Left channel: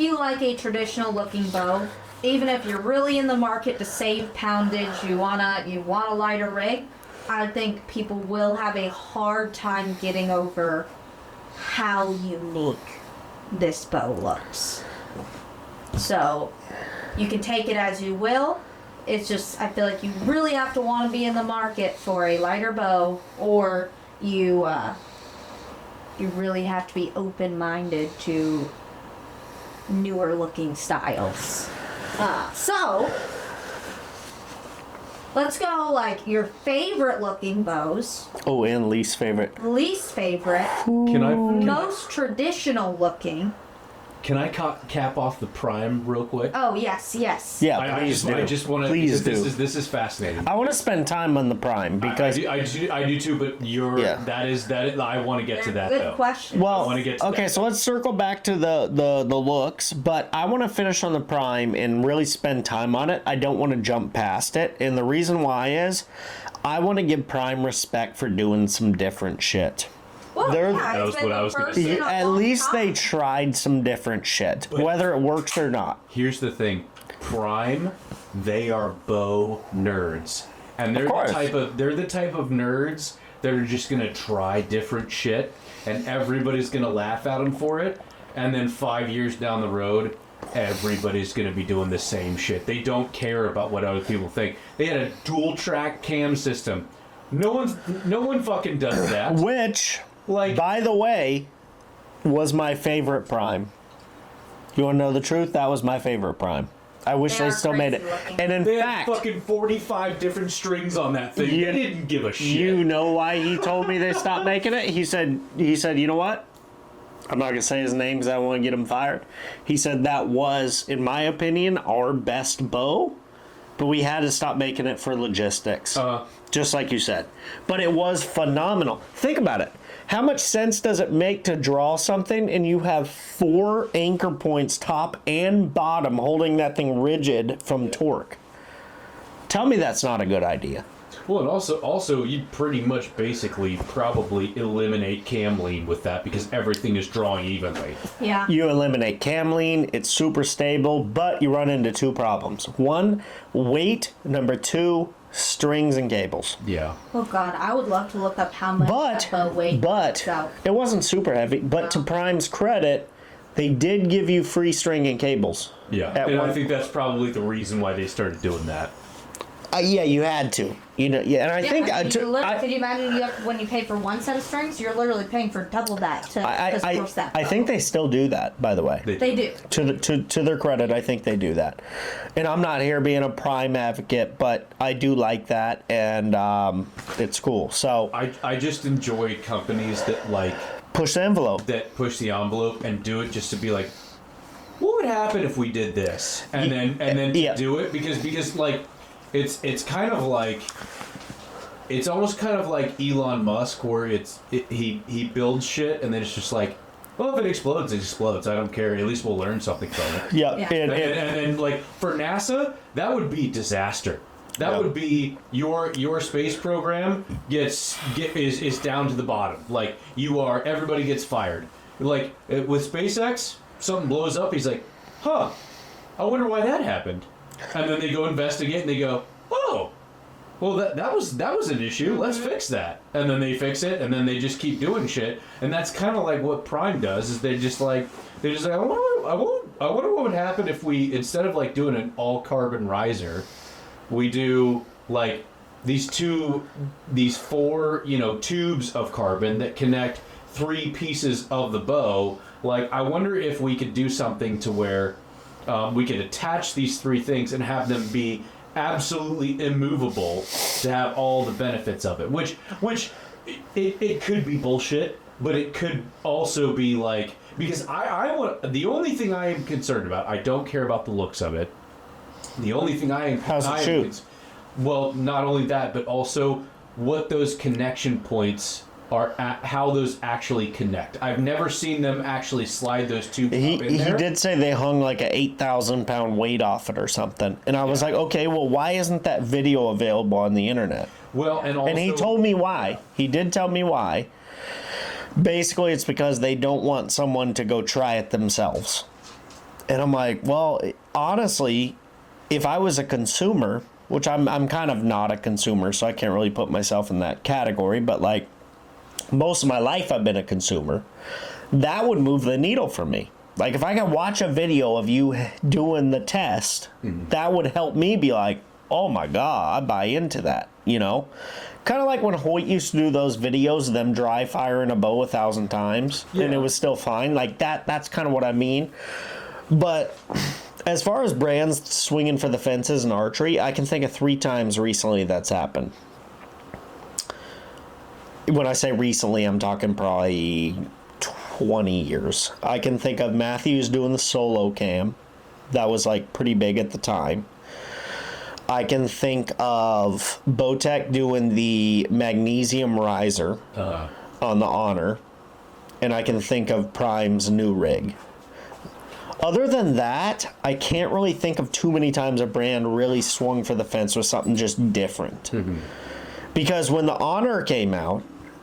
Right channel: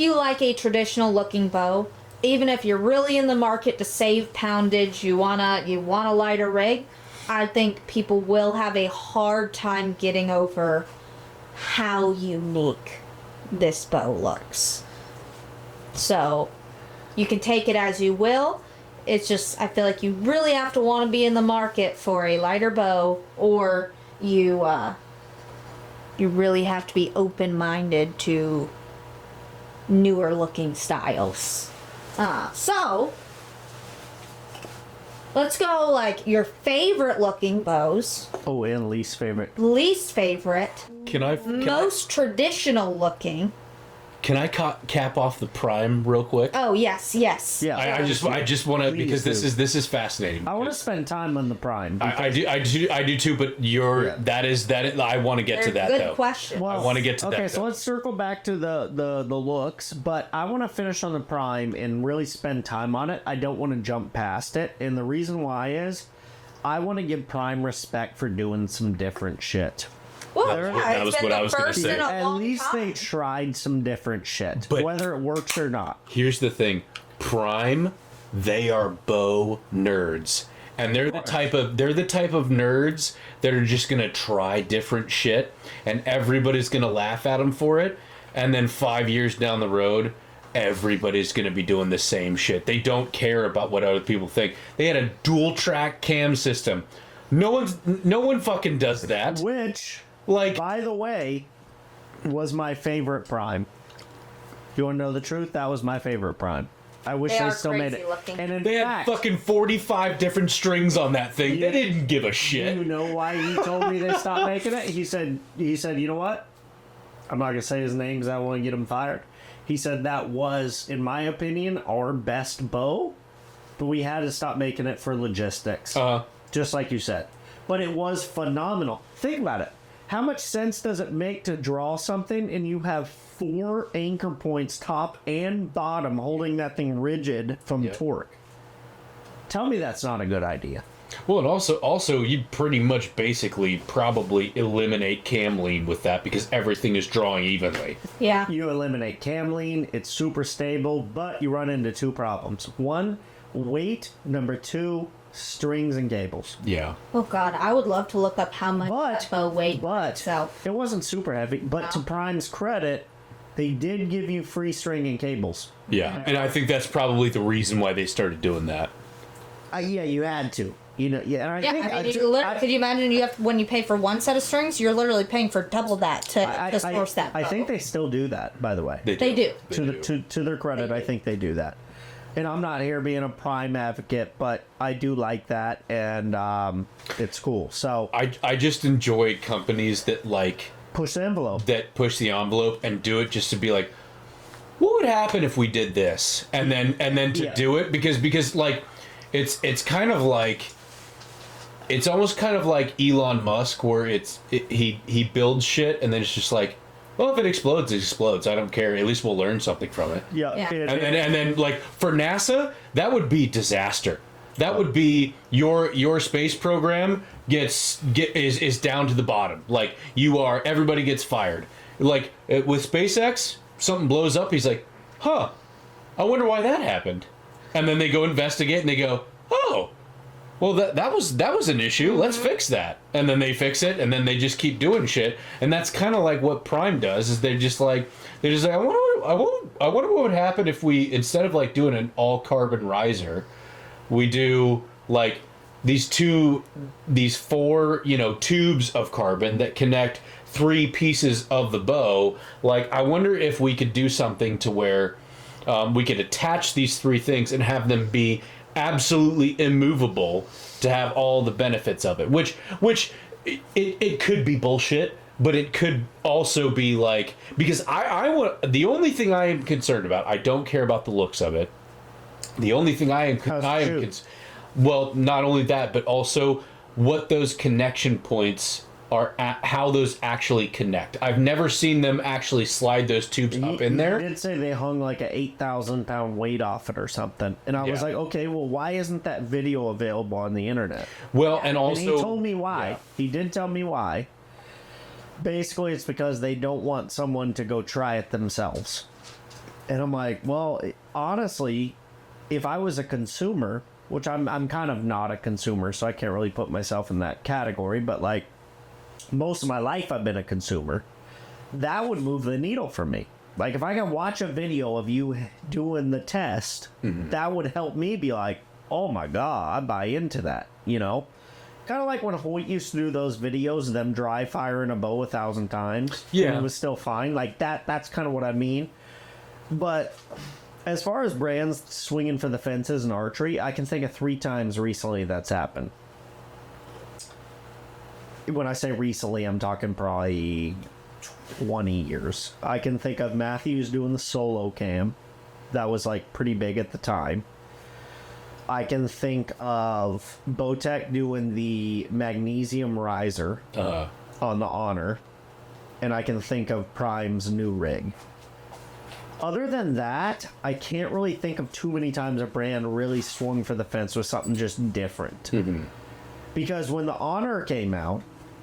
you like a traditional looking bow, even if you're really in the market to save poundage, you want a lighter rig, I think people will have a hard time getting over how unique this bow looks. So you can take it as you will. It's just, I feel like you really have to want to be in the market for a lighter bow, or you really have to be open-minded to newer looking styles. So let's go like your favorite looking bows. Oh, and least favorite. Least favorite. Most traditional looking. Can I cap off the Prime real quick? Oh yes. Yeah, I just want to, because this is fascinating. I want to spend time on the Prime because I do too. But that is I want to get to that good though. Question. Well, I want to get to okay, that, so let's circle back to the looks, but I want to finish on the Prime and really spend time on it. I don't want to jump past it, and the reason why is I want to give Prime respect for doing some different shit. Well, that was what I was going to say. At least they tried some different shit, but whether it works or not. Here's the thing, Prime, they are bow nerds, and they're the type of nerds that are just gonna try different shit, and everybody's gonna laugh at them for it, and then 5 years down the road, everybody's gonna be doing the same shit. They don't care about what other people think. They had a dual track cam system. No one fucking does that. Which, like, by the way, was my favorite Prime. You want to know the truth? That was my favorite Prime. I wish they still made it. Looking. And in They fact, had fucking 45 different strings on that thing. They didn't give a shit. you know why he told me they stopped making it? He said, you know what? I'm not gonna say his name because I want to get him fired. He said that was, in my opinion, our best bow, but we had to stop making it for logistics. Just like you said. But it was phenomenal. Think about it. How much sense does it make to draw something and you have 4 anchor points, top and bottom, holding that thing rigid from torque? Tell me that's not a good idea. Well, and also you'd pretty much basically probably eliminate cam lean with that because everything is drawing evenly. Yeah. You eliminate cam lean, it's super stable, but you run into 2 problems. 1, weight. Number 2, strings and cables. Yeah. Oh god, I would love to look up how much that bow weighed. But it wasn't super heavy. But to Prime's credit, they did give you free string and cables. Yeah, and I think that's probably the reason why they started doing that. Yeah, you had to. You know, yeah, and I think could you imagine when you pay for one set of strings, you're literally paying for double that to source that bow. I think they still do that, by the way. They do. To their credit, I think they do that. And I'm not here being a Prime advocate, but I do like that, and it's cool. So I just enjoy companies that push the envelope. That push the envelope and do it just to be like, what would happen if we did this? And then to do it because like it's kind of like, it's almost kind of like Elon Musk, where he builds shit and then it's just like, well, if it explodes, it explodes. I don't care. At least we'll learn something from it. Yeah. And then, like, for NASA, that would be disaster. That would be your space program is down to the bottom. Like, everybody gets fired. Like, with SpaceX, something blows up. He's like, I wonder why that happened. And then they go investigate and they go, oh, well, that was an issue. Let's fix that. And then they fix it, and then they just keep doing shit. And that's kind of like what Prime does. Is they're just like, I wonder what would happen if we, instead of like doing an all carbon riser, we do like these 4 tubes of carbon that connect 3 pieces of the bow. Like, I wonder if we could do something to where we could attach these 3 things and have them be absolutely immovable to have all the benefits of it, which it could be bullshit, but it could also be like, because I want, the only thing I am concerned about, I don't care about the looks of it. The only thing well, not only that, but also what those connection points are, how those actually connect. I've never seen them actually slide those tubes up in there. He did say they hung like a 8,000 pound weight off it or something. And I was like, okay, well, why isn't that video available on the internet? Well, and also... And he told me why. Yeah. He did tell me why. Basically, it's because they don't want someone to go try it themselves. And I'm like, well, honestly, if I was a consumer, which I'm kind of not a consumer, so I can't really put myself in that category, but like most of my life I've been a consumer, that would move the needle for me. Like if I can watch a video of you doing the test, that would help me be like, oh my God, I buy into that, you know? Kind of like when Hoyt used to do those videos of them dry firing a bow 1,000 times, and it was still fine. Like that's kind of what I mean. But as far as brands swinging for the fences in archery, I can think of 3 times recently that's happened. When I say recently, I'm talking probably 20 years. I can think of Matthews doing the solo cam. That was like pretty big at the time. I can think of Bowtech doing the magnesium riser on the Honor. And I can think of Prime's new rig. Other than that, I can't really think of too many times a brand really swung for the fence with something just different. Because when the Honor came out,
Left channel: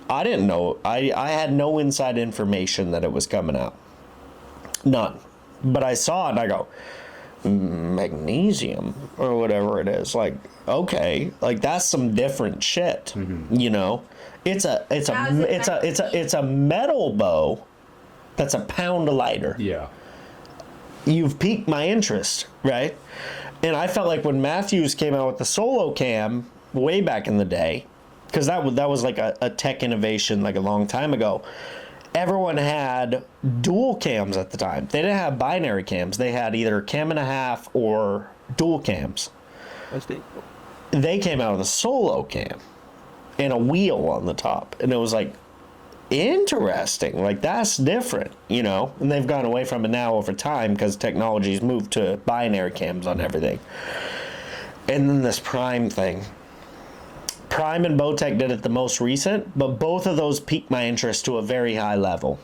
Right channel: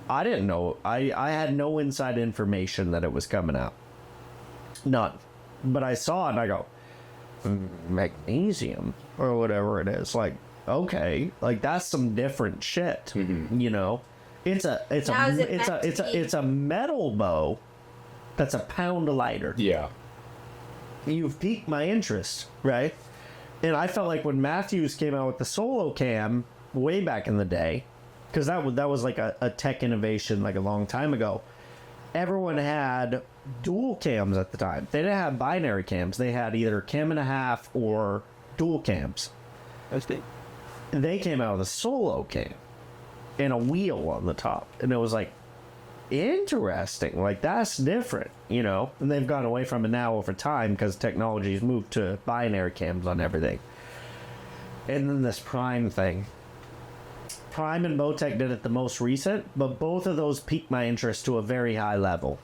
I didn't know. I had no inside information that it was coming out. None. But I saw it and I go, magnesium or whatever it is. Like, okay, like that's some different shit. You know? It's a metal bow that's a pound lighter. Yeah. You've piqued my interest, right? And I felt like when Matthews came out with the solo cam way back in the day, because that was like a tech innovation like a long time ago, everyone had dual cams at the time. They didn't have binary cams. They had either cam and a half or dual cams. They came out with a solo cam and a wheel on the top. And it was like, interesting. Like, that's different, you know? And they've gone away from it now over time because technology's moved to binary cams on everything. And then this Prime thing. Prime and Bowtech did it the most recent, but both of those piqued my interest to a very high level.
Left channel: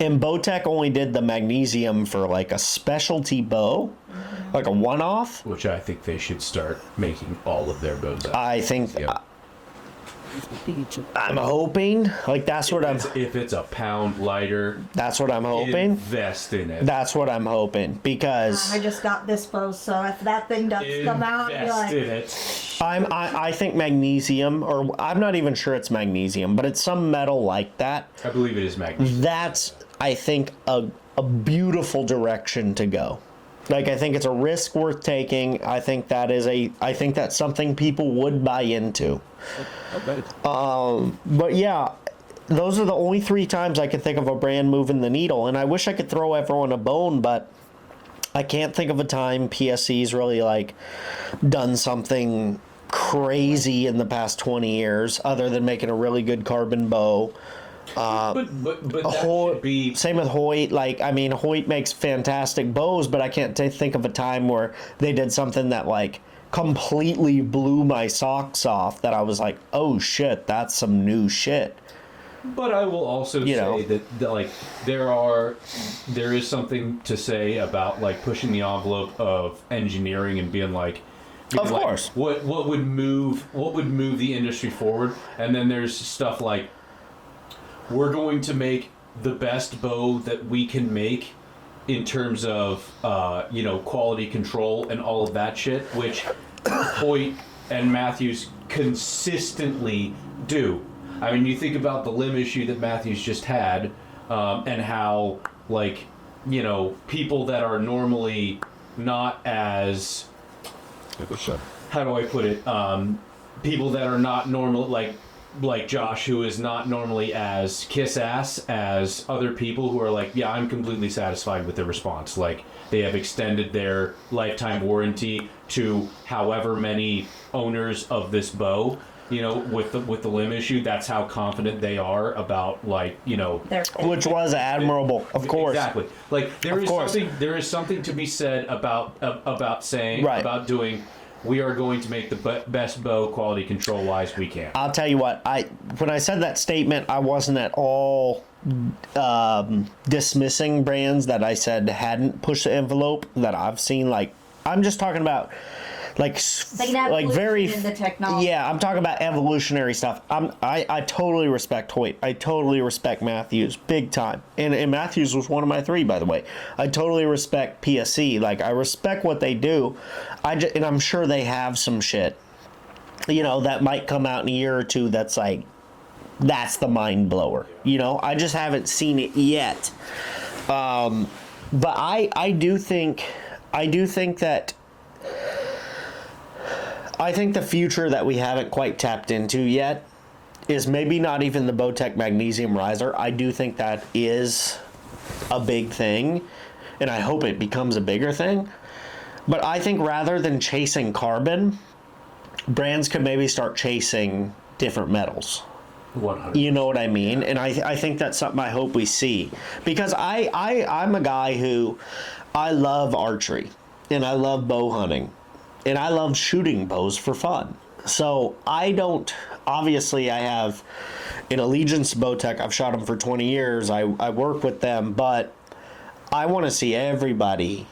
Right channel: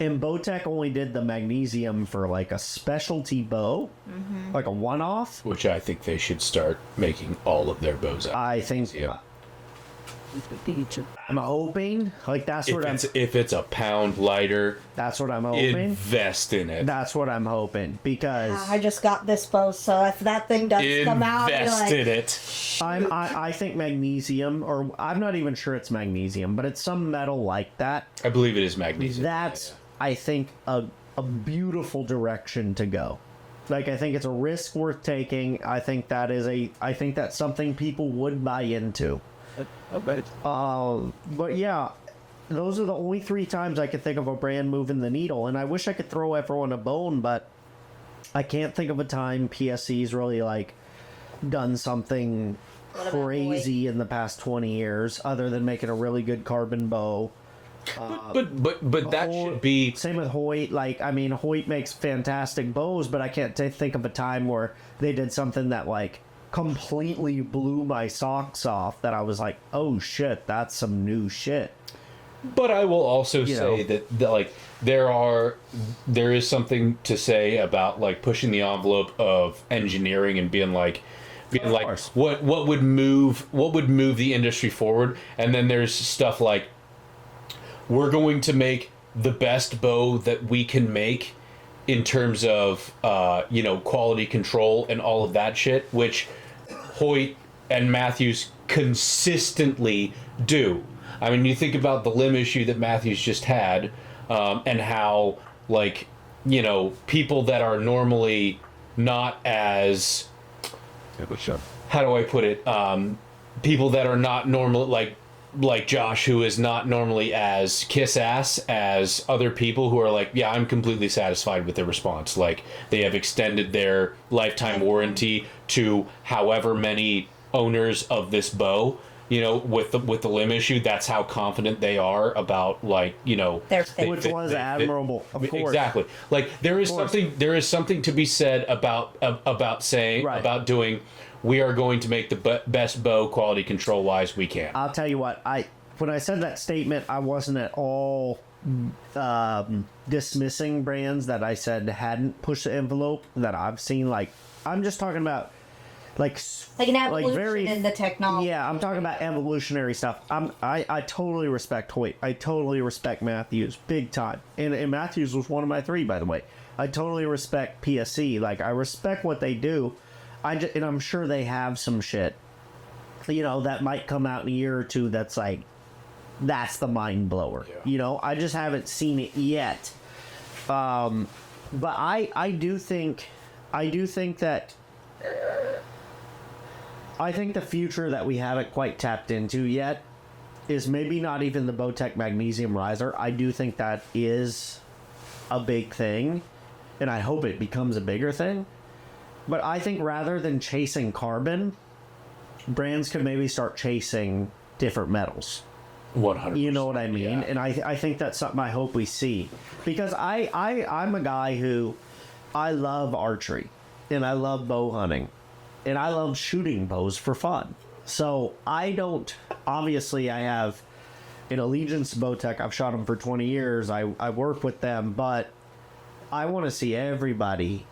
And Bowtech only did the magnesium for like a specialty bow, like a one-off. Which I think they should start making all of their bows out. I think... I'm hoping, like if it's a pound lighter, that's what I'm hoping. Invest in it. That's what I'm hoping, because I just got this bow, so if that thing does come out, invest in it. I think magnesium, or I'm not even sure it's magnesium, but it's some metal like that. I believe it is magnesium. That's, I think, a beautiful direction to go. Like, I think it's a risk worth taking. I think that's something people would buy into. But yeah, those are the only 3 times I can think of a brand moving the needle, and I wish I could throw everyone a bone, but I can't think of a time PSC's really like done something crazy in the past 20 years other than making a really good carbon bow. But that should be... Same with Hoyt. Like, I mean, Hoyt makes fantastic bows, but I can't think of a time where they did something that like completely blew my socks off, that I was like, oh shit, that's some new shit. But I will also say that like there is something to say about like pushing the envelope of engineering and being like what would move the industry forward. And then there's stuff like, we're going to make the best bow that we can make in terms of quality control and all of that shit, which Hoyt and Matthews consistently do. I mean, you think about the limb issue that Matthews just had, and how, like, people that are normally not as... How do I put it? People that are not normal, like Josh, who is not normally as kiss-ass as other people who are like, yeah, I'm completely satisfied with their response. Like, they have extended their lifetime warranty to however many owners of this bow, with the limb issue. That's how confident they are about, like, which was admirable, of course. Exactly. Like, there is something to be said about saying, right, about doing... We are going to make the best bow quality control wise we can. I'll tell you what, when I said that statement, I wasn't at all dismissing brands that I said hadn't pushed the envelope that I've seen. Like, I'm just talking about Like an like very evolution in the technology. Yeah, I'm talking about evolutionary stuff. I totally respect Hoyt. I totally respect Matthews big time. And Matthews was one of my 3, by the way. I totally respect PSE. Like, I respect what they do. And I'm sure they have some shit, that might come out in a year or 2 that's like, that's the mind blower. I just haven't seen it yet. But I do think that I think the future that we haven't quite tapped into yet is maybe not even the Bowtech Magnesium Riser. I do think that is a big thing, and I hope it becomes a bigger thing. But I think rather than chasing carbon, brands could maybe start chasing different metals. 100. You know what I mean? Yeah. And I think that's something I hope we see. Because I'm a guy who, I love archery, and I love bow hunting. And I love shooting bows for fun. So obviously I have an allegiance to Bowtech. I've shot them for 20 years. I work with them, but I want to see everybody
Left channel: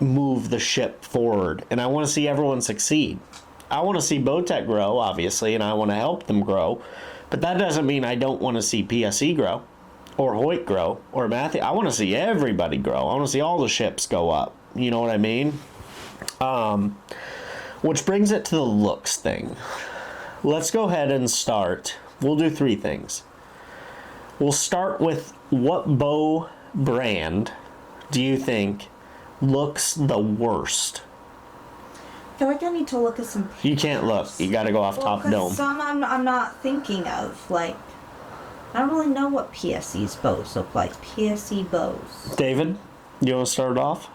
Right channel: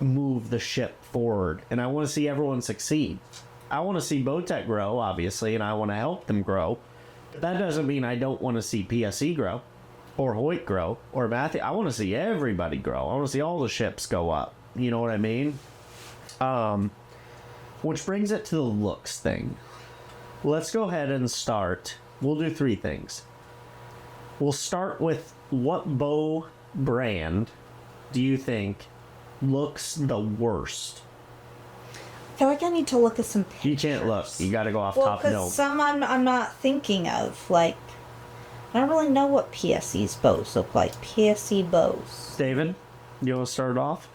move the ship forward. And I want to see everyone succeed. I want to see Bowtech grow, obviously, and I want to help them grow. But that doesn't mean I don't want to see PSE grow, or Hoyt grow, or Matthew. I want to see everybody grow. I want to see all the ships go up. You know what I mean? Which brings it to the looks thing. Let's go ahead and start. We'll do 3 things. We'll start with, what bow brand do you think looks the worst? I feel like I need to look at some pictures. You can't look. You got to go off top dome. Some I'm not thinking of. Like, I don't really know what PSE's bows look like. PSE bows. David, you want to start off?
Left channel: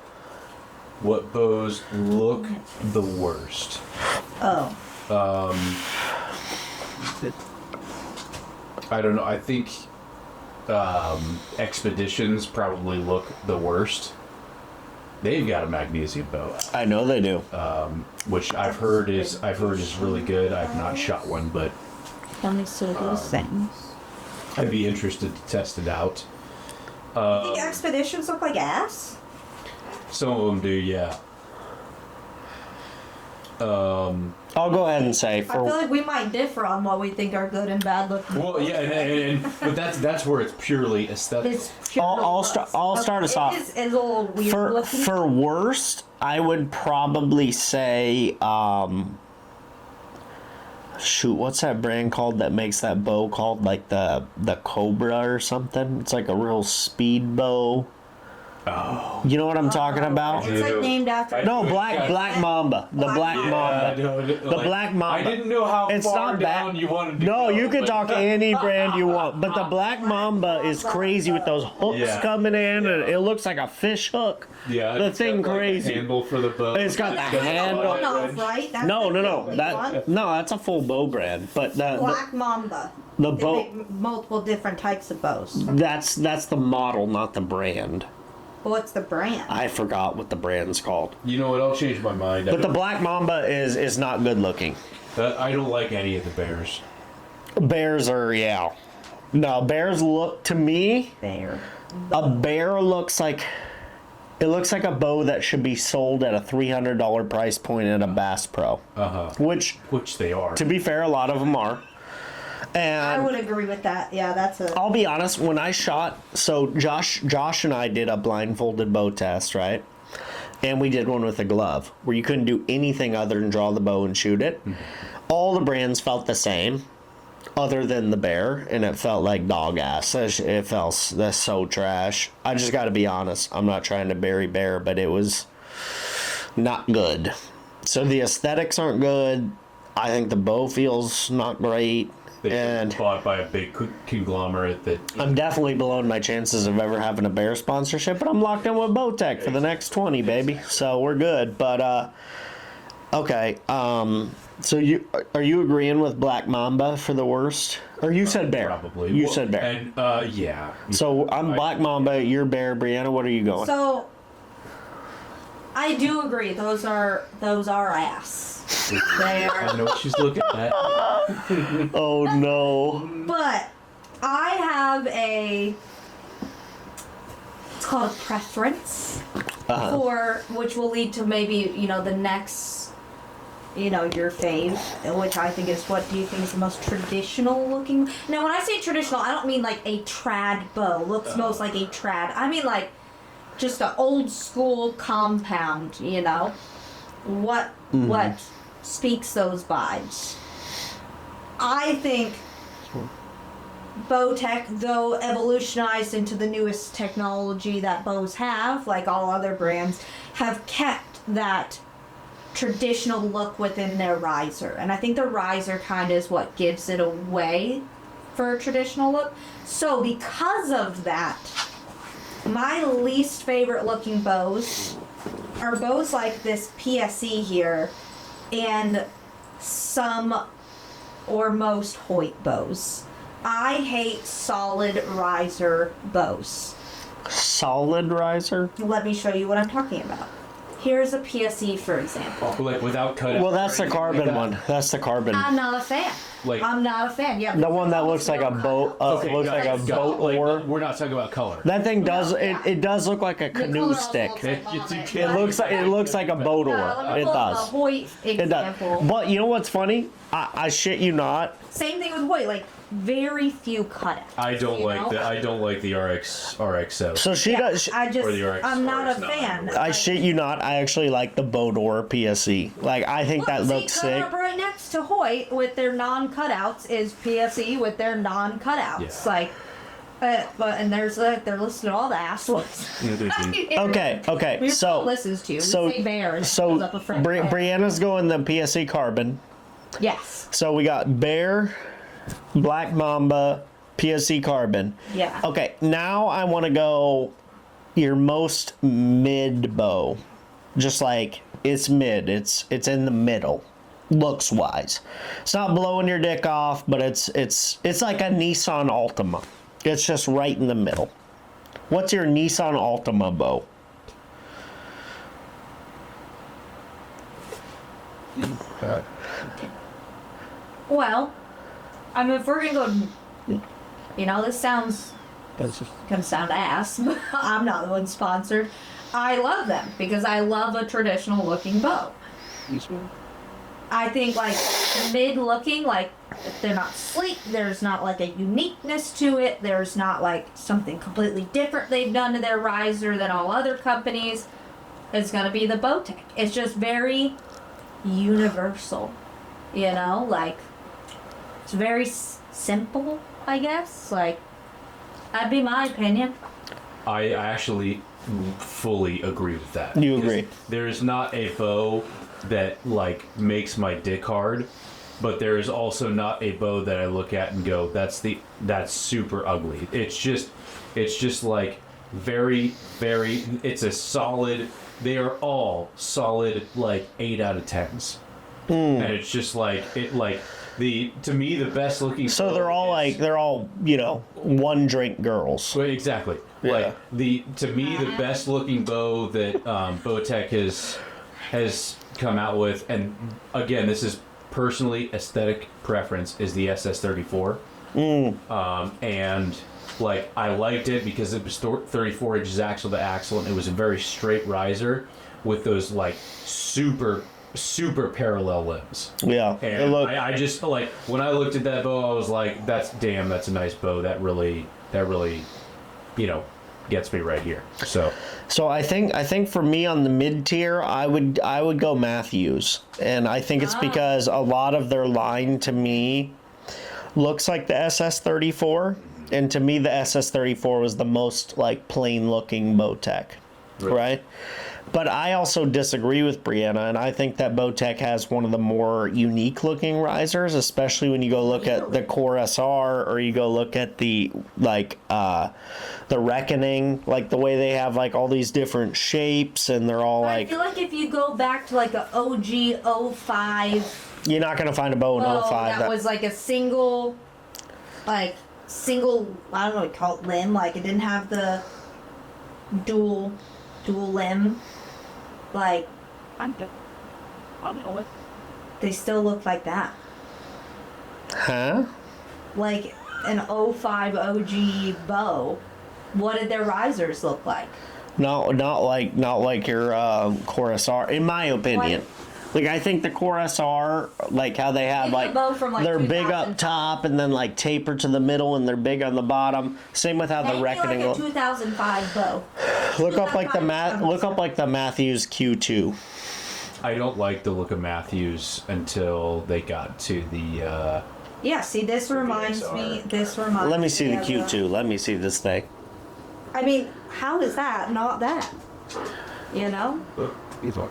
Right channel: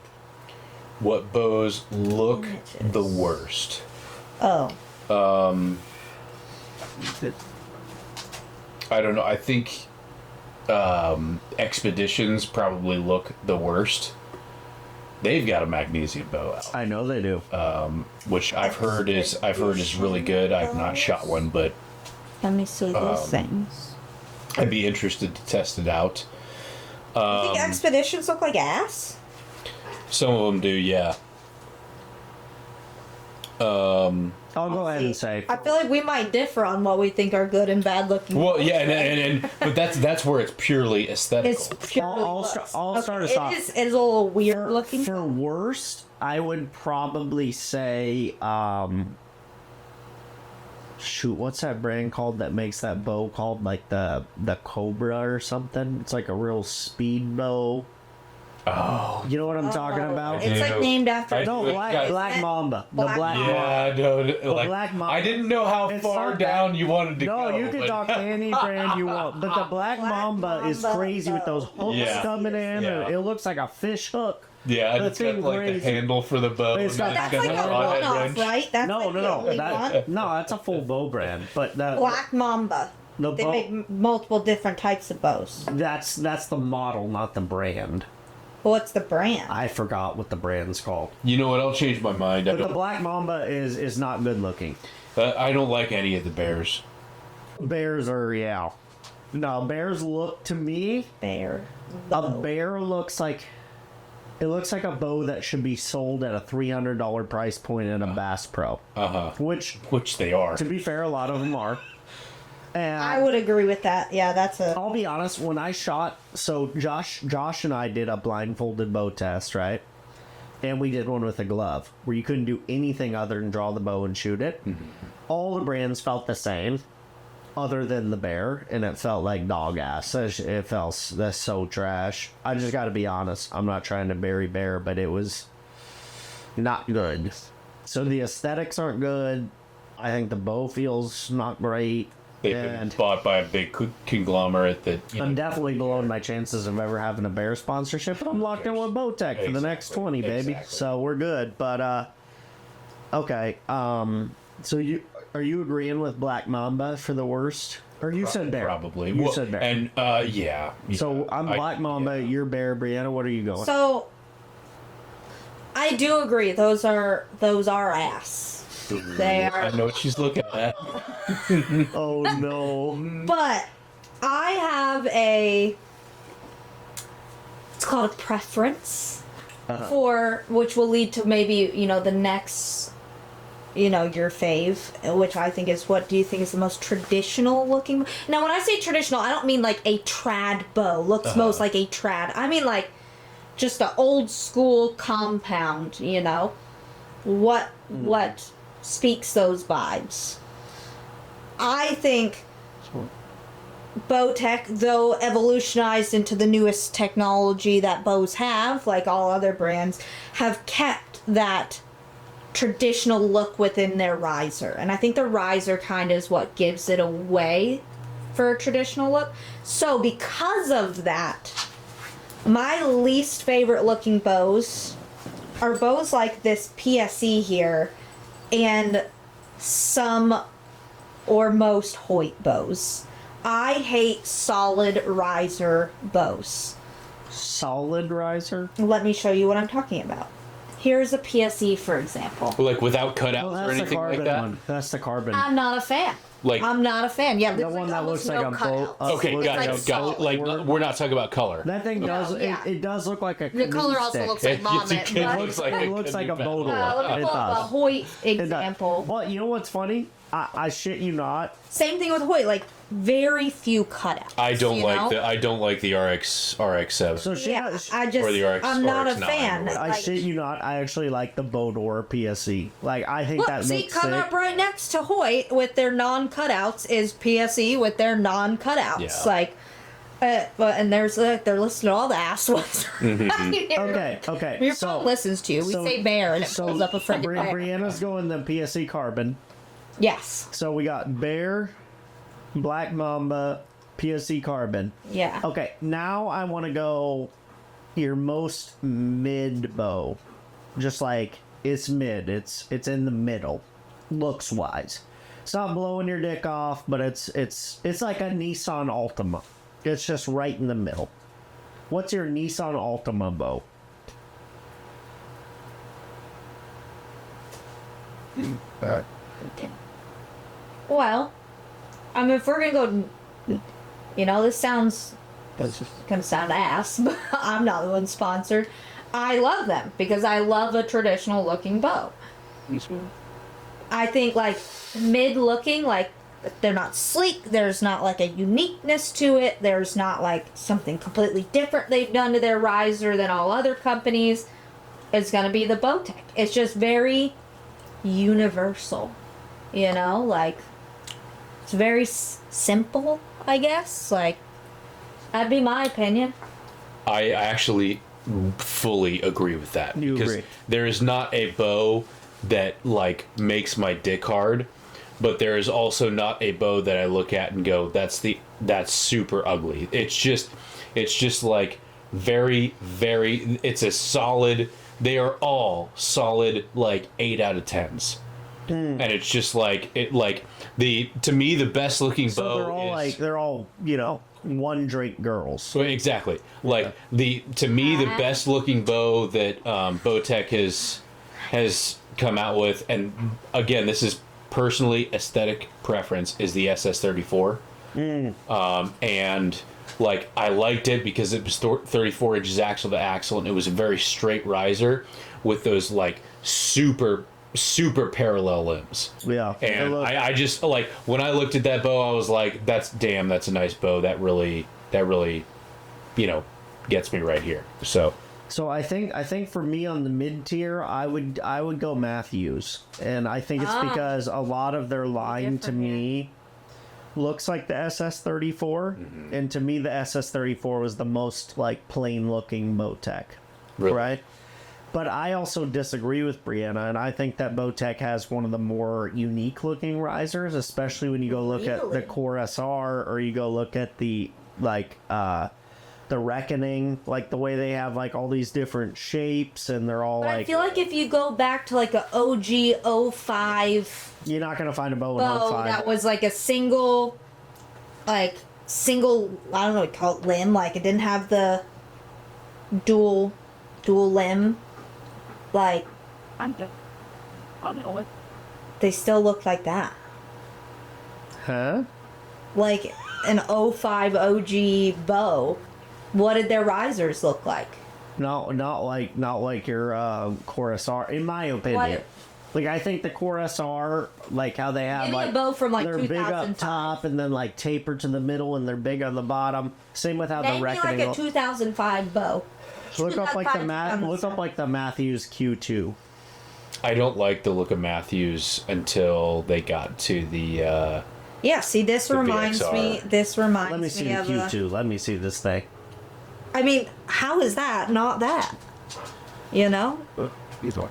What bows look the worst? Oh. I don't know. I think Expeditions probably look the worst. They've got a magnesium bow, I know they do. which I've heard is really good. I've not shot one, but How many sort of those things? I'd be interested to test it out. You think Expeditions look like ass? Some of them do, yeah. I'll go ahead and say. I feel like we might differ on what we think are good and bad looking. Well, yeah, but that's where it's purely aesthetic. It's purely I'll start us off. It's a little weird looking. For worst, I would probably say, shoot, what's that brand called that makes that bow called, like the Cobra or something? It's like a real speed bow. Oh, You know what I'm talking about? It's like named after. No, Black Mamba. The Black Mamba. no, The Black Mamba. I didn't know how It's far not down bad. you wanted to go. No, you could but- talk any brand you want, but the Black Mamba is crazy with those hooks Yeah. coming in, and Yeah. it looks like a fish hook. Yeah, the it's thing got, like, crazy. a handle for the bow. It's got That's the like a handle. one-off, right? That's No, like the no, only that one. no, that's a full bow brand, but Black Mamba. the They bow make multiple different types of bows. that's the model, not the brand. But what's the brand? I forgot what the brand's called. You know what? I'll change my mind. But the Black Mamba is not good looking. I don't like any of the bears. Bears are No, bears look to me. Bear. A bear looks like. It looks like a bow that should be sold at a $300 price point at a Bass Pro. Which they are. to be fair, a lot of them are. And I would agree with that. Yeah, that's a. I'll be honest, when I shot, so Josh and I did a blindfolded bow test, right? And we did one with a glove where you couldn't do anything other than draw the bow and shoot it. All the brands felt the same, other than the bear, and it felt like dog ass. It felt that's so trash. I just got to be honest. I'm not trying to bury bear, but it was not good. So the aesthetics aren't good. I think the bow feels not great. They've been bought by a big conglomerate that. I'm definitely below my chances of ever having a bear sponsorship, but I'm locked in with Bowtech for the next 20, baby. So we're good. But okay. So are you agreeing with Black Mamba for the worst? Or you said bear? Probably. You said bear. And yeah. So I'm Black Mamba. You're bear. Brianna, what are you going? So I do agree. Those are ass. They are. I know she's looking at. Oh no. But I have it's called a preference for which will lead to maybe the next your fave, which I think is, what do you think is the most traditional looking? Now, when I say traditional, I don't mean like a trad bow. Looks most like a trad. I mean like just an old school compound, What speaks those vibes? I think bow tech, though evolutionized into the newest technology that bows have, like all other brands, have kept that traditional look within their riser. And I think the riser kind of is what gives it away for a traditional look. So because of that, my least favorite looking bows are bows like this PSE here and some or most Hoyt bows. I hate solid riser bows. Solid riser? Let me show you what I'm talking about. Here's a PSE, for example. Like without cutout. Well, that's the carbon one. That's the carbon. I'm not a fan. I'm not a fan. Yeah, the one that looks like a boat. Okay, we're not talking about color. That thing does it does look like a canoe stick. It looks like a boat oar. It does. Hoyt example. But you know what's funny? I shit you not. Same thing with Hoyt. Like very few cutouts. I don't like the RX7. So she does. I'm not a fan. I shit you not. I actually like the boat oar PSE. Like I think that looks sick. Coming up right next to Hoyt with their non-cutouts is PSE with their non-cutouts. Yeah. And they're listed all the ass ones. Okay. Your phone listens to you. We say bear and so up a friend. Brianna's going the PSE carbon. Yes. So we got bear, Black Mamba, PSE carbon. Yeah. Okay, now I want to go your most mid bow. Just like it's mid. It's in the middle, looks wise. It's not blowing your dick off, but it's like a Nissan Altima. It's just right in the middle. What's your Nissan Altima bow? Well, I mean, if we're gonna go, this sounds gonna sound ass, but I'm not the one sponsored. I love them because I love a traditional looking bow. I think like mid looking, like they're not sleek. There's not like a uniqueness to it. There's not like something completely different they've done to their riser than all other companies. It's gonna be the Bowtech. It's just very universal, like it's very simple, I guess. Like that'd be my opinion. I actually fully agree with that. You agree? There is not a bow that like makes my dick hard, but there is also not a bow that I look at and go, that's super ugly. It's just like very, very. It's a solid. They are all solid, like 8 out of 10s, and it's just like to me the best looking. So bow they're all one drink girls. So exactly, yeah. To me the best looking bow that Bowtech has come out with, and again this is personally aesthetic preference, is the SS34. And like I liked it because it was 34 inches axle to axle, and it was a very straight riser with those like super parallel limbs. Yeah, and I just like when I looked at that bow, I was like, that's a nice bow. That really gets me right here. So I think for me on the mid tier, I would go Matthews, and I think it's because a lot of their line to me looks like the SS34, and to me the SS34 was the most like plain looking Bowtech, right? But I also disagree with Brianna, and I think that Bowtech has one of the more unique looking risers, especially when you go look at the Core SR, or you go look at the the Reckoning, like the way they have like all these different shapes, and they're all like. I feel like if you go back to like a OG 05. You're not gonna find a bow in 05 that was like a single, I don't know what you call it, limb. Like it didn't have the dual limb. Like they still look like that. Huh? Like an 05 OG bow. What did their risers look like? Not like your Core SR, in my opinion. Like, I think the Core SR, like how they have, Maybe a like, bow from, like, they're big 2000. up top and then, like, taper to the middle and they're big on the bottom. Same with how the Maybe Reckoning. like a 2005 bow. Look up like the 2005. look up like the Matthews Q2. I don't like the look of Matthews until they got to the. Yeah, see, this The reminds VXR. me. This reminds me. Let me see the of Q2. Let me see this thing. I mean, how is that not that? You know, These one.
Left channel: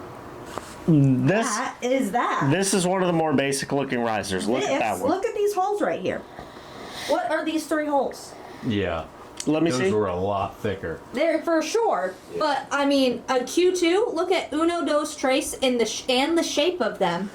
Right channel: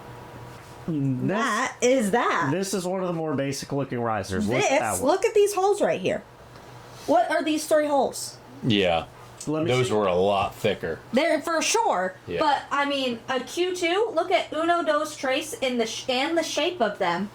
This that is that. this is one of the more basic looking risers. Look at that one. Look at these holes right here. What are these 3 holes? Yeah. Let me Those see. were a lot thicker. They're for sure, Yeah. but I mean, a Q2. Look at Uno Dos Tres in the and the shape of them.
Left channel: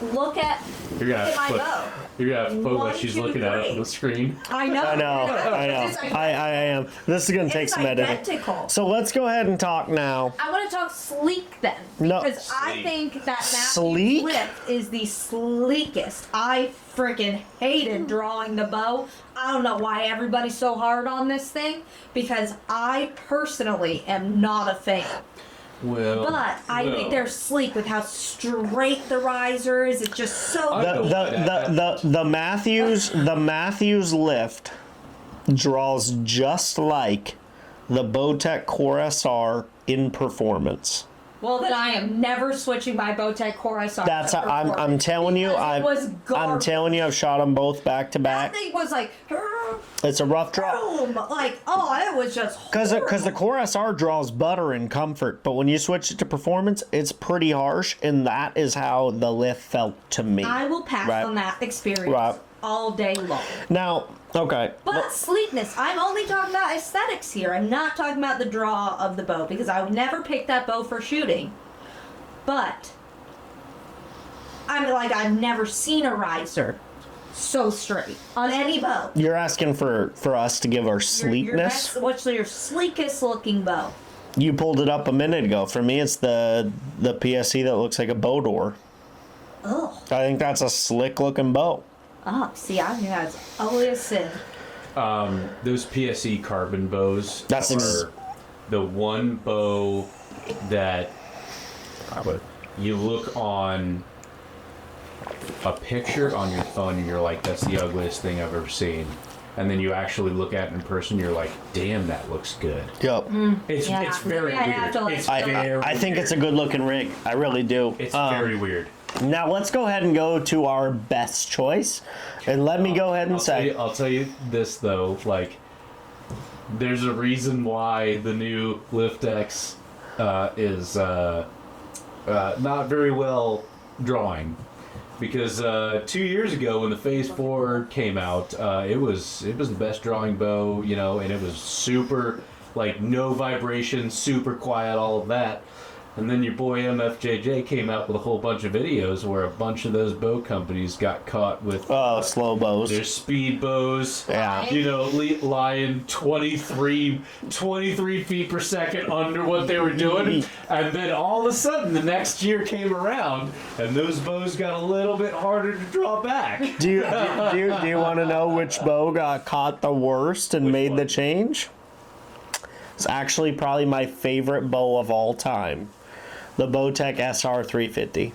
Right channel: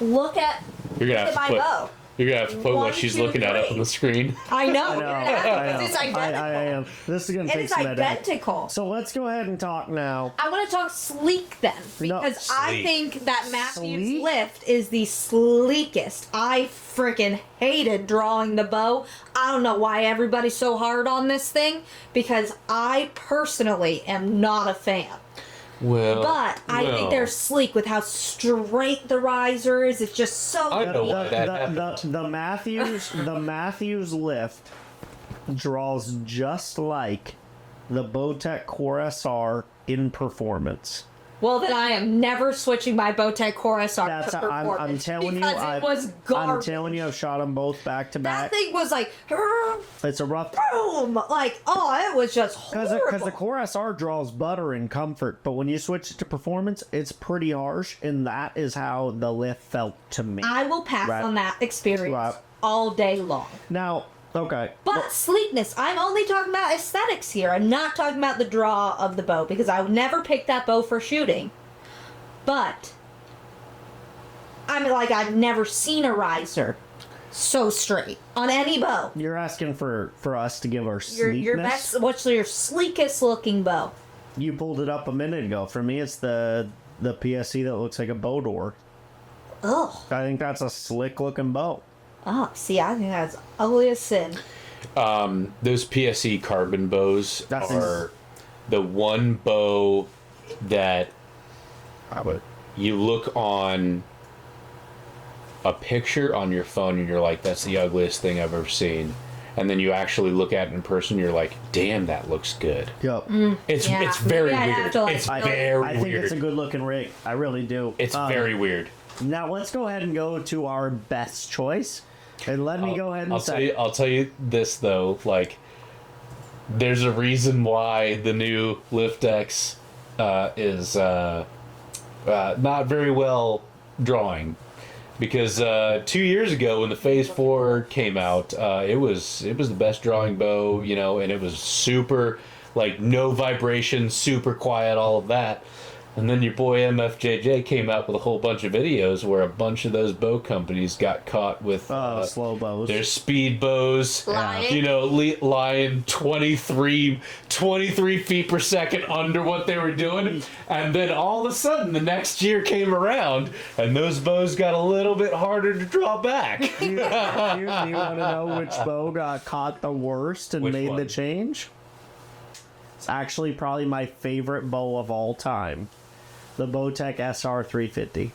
Look at You're gonna my have to put. bow. You're gonna have to put One, what she's two, looking at up on three. the screen. I know. I know. I know. It's I identical. am. This is gonna take It's some editing. identical. So let's go ahead and talk now. I want to talk sleek then, No. because I Sleek. think that Matthew's Sleek? lift is the sleekest. I freaking hated drawing the bow. I don't know why everybody's so hard on this thing, because I personally am not a fan. Well, But I think they're sleek with how straight the riser is. It's just so. I The, don't like that. the Matthews lift draws just like the Bowtech Core SR in performance. Well, then I am never switching my Bowtech Core SR. That's to I'm performance telling you, because it was I'm garbage. telling you, I've shot them both back to That back. thing was like, It's a rough draw. boom, like, oh, it was just Because horrible. the Core SR draws butter and comfort, but when you switch it to performance, it's pretty harsh, and that is how the lift felt to me. I will pass Right. on that experience Right. all day long. Now, okay. But sleekness, I'm only talking about aesthetics here. I'm not talking about the draw of the bow, because I would never pick that bow for shooting. But I mean, like, I've never seen a riser so straight on any bow. You're asking for us to give our Your sleekness. what's your sleekest looking bow? You pulled it up a minute ago. For me, it's the PSE that looks like a bow door. Oh, I think that's a slick looking bow. see, I think that's ugly as sin. Those PSE carbon bows That's are the one bow that you look on a picture on your phone and you're like, that's the ugliest thing I've ever seen. And then you actually look at it in person, you're like, damn, that looks good. Yep. It's Yeah, it's very maybe I'd have weird. to, like, It's I very think it's a weird. good looking rig. I really do. It's very weird. Now let's go ahead and go to our best choice, and let me go ahead and say. I'll tell you this though, like, there's a reason why the new Lift X is not very well drawing, because 2 years ago when the Phase 4 came out, it was the best drawing bow, you know, and it was super, like, no vibration, super quiet, all of that. And then your boy MFJJ came out with a whole bunch of videos where a bunch of those bow companies got caught with Slow bows. their speed bows, Lying. you know, lying 23 feet per second under what they were doing. And then all of a sudden, the next year came around, and those bows got a little bit harder to draw back. Do you want to know which bow got caught the worst and Which made the one? change? It's actually probably my favorite bow of all time. The Bowtech SR 350.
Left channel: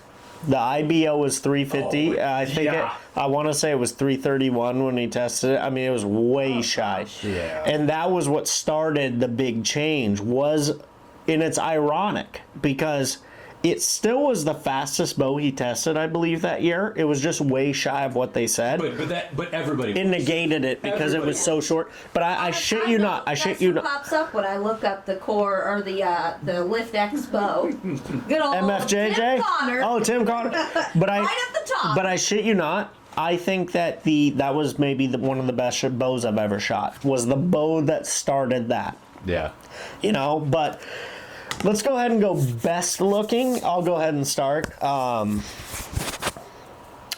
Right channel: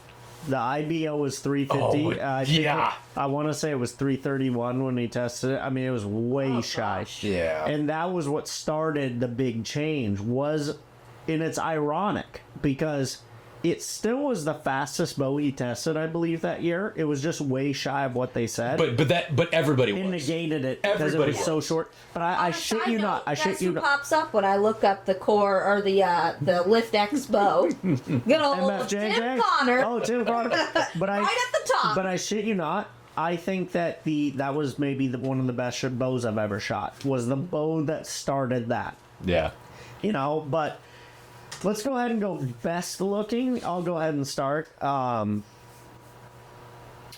The IBO was 350. Oh, I think yeah. I want to say it was 331 when he tested it. I mean, it was way shy. Yeah. And that was what started the big change. And it's ironic because it still was the fastest bow he tested, I believe, that year. It was just way shy of what they said. But everybody It was. negated it because it was Everybody so short. But I shit you not. I shit you not. Pops up when I look up the core or the Lift X bow. Good old MFJJ. Tim Connor. Oh, Tim Connor. But Right at the top. But I shit you not. I think that that was maybe one of the best bows I've ever shot. Was the bow that started that. Yeah. You know, but let's go ahead and go best looking. I'll go ahead and start.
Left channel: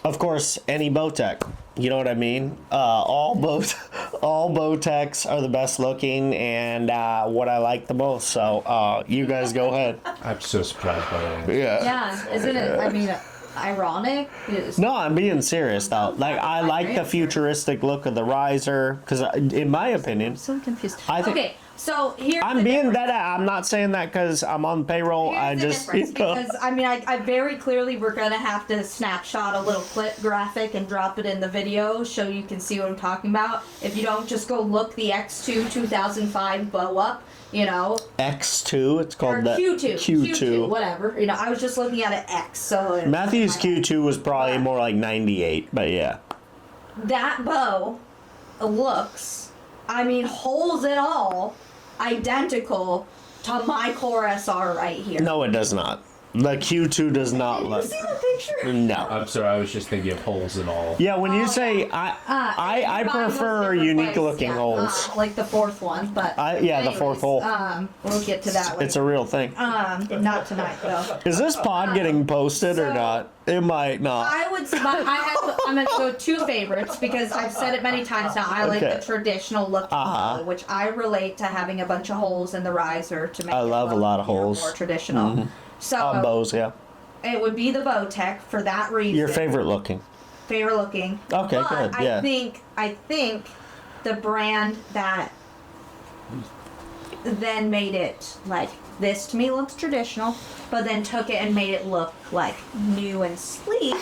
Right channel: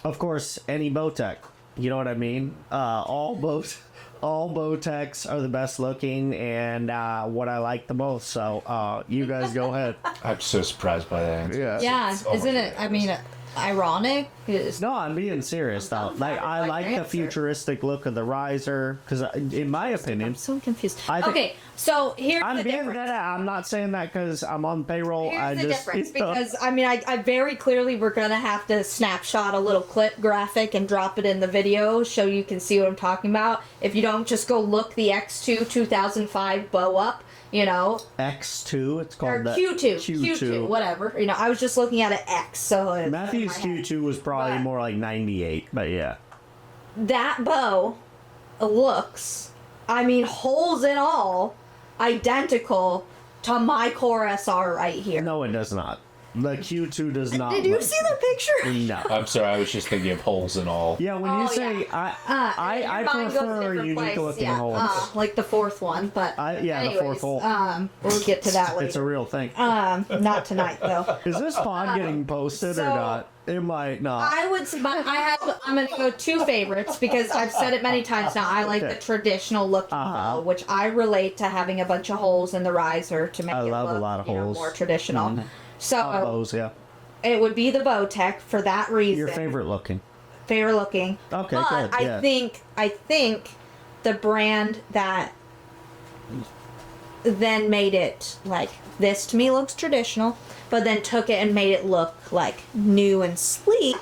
Of course, any Bowtech. You know what I mean? All Bowtechs are the best looking and what I like the most. So you guys go ahead. I'm so surprised by that. Yeah, isn't it? I mean, ironic. It's- No, I'm being serious though. Like I like the futuristic look of the riser because, in my opinion, so confused. I think- Okay, So here's I'm the being difference. that. I'm not saying that because I'm on payroll. I Here's the just difference, because I mean, I very clearly we're gonna have to snapshot a little clip graphic and drop it in the video so you can see what I'm talking about. If you don't, just go look the X2 2005 bow up. You know, X2. It's or called the Q2, whatever. You know, I was just looking at an X. So Matthew's Q2 was probably more like 98, but yeah. that bow looks, I mean, holes and all, identical to my Core SR right here. No, it does not. The Q2 does not Did you look. see the picture? No. I'm sorry, I was just thinking of holes and all. Yeah, when you Oh, say yeah. I Mine goes prefer different unique ways, looking yeah, holes. like the fourth one, but The fourth hole. we'll get to that It's a later. real thing. Not tonight though. Is this pod getting posted or so- not? It might not. I would say I'm gonna go two favorites because I've said it many times now. I like Okay. the traditional looking Uh-huh. bow, which I relate to having a bunch of holes in the riser to make I it love a look, lot of you know, holes. more traditional. So Bows, yeah. it would be the Bowtech for that reason. Your favorite looking. Favorite looking. Okay, But good, yeah. I think the brand that then made it like this to me looks traditional, but then took it and made it look like new and sleek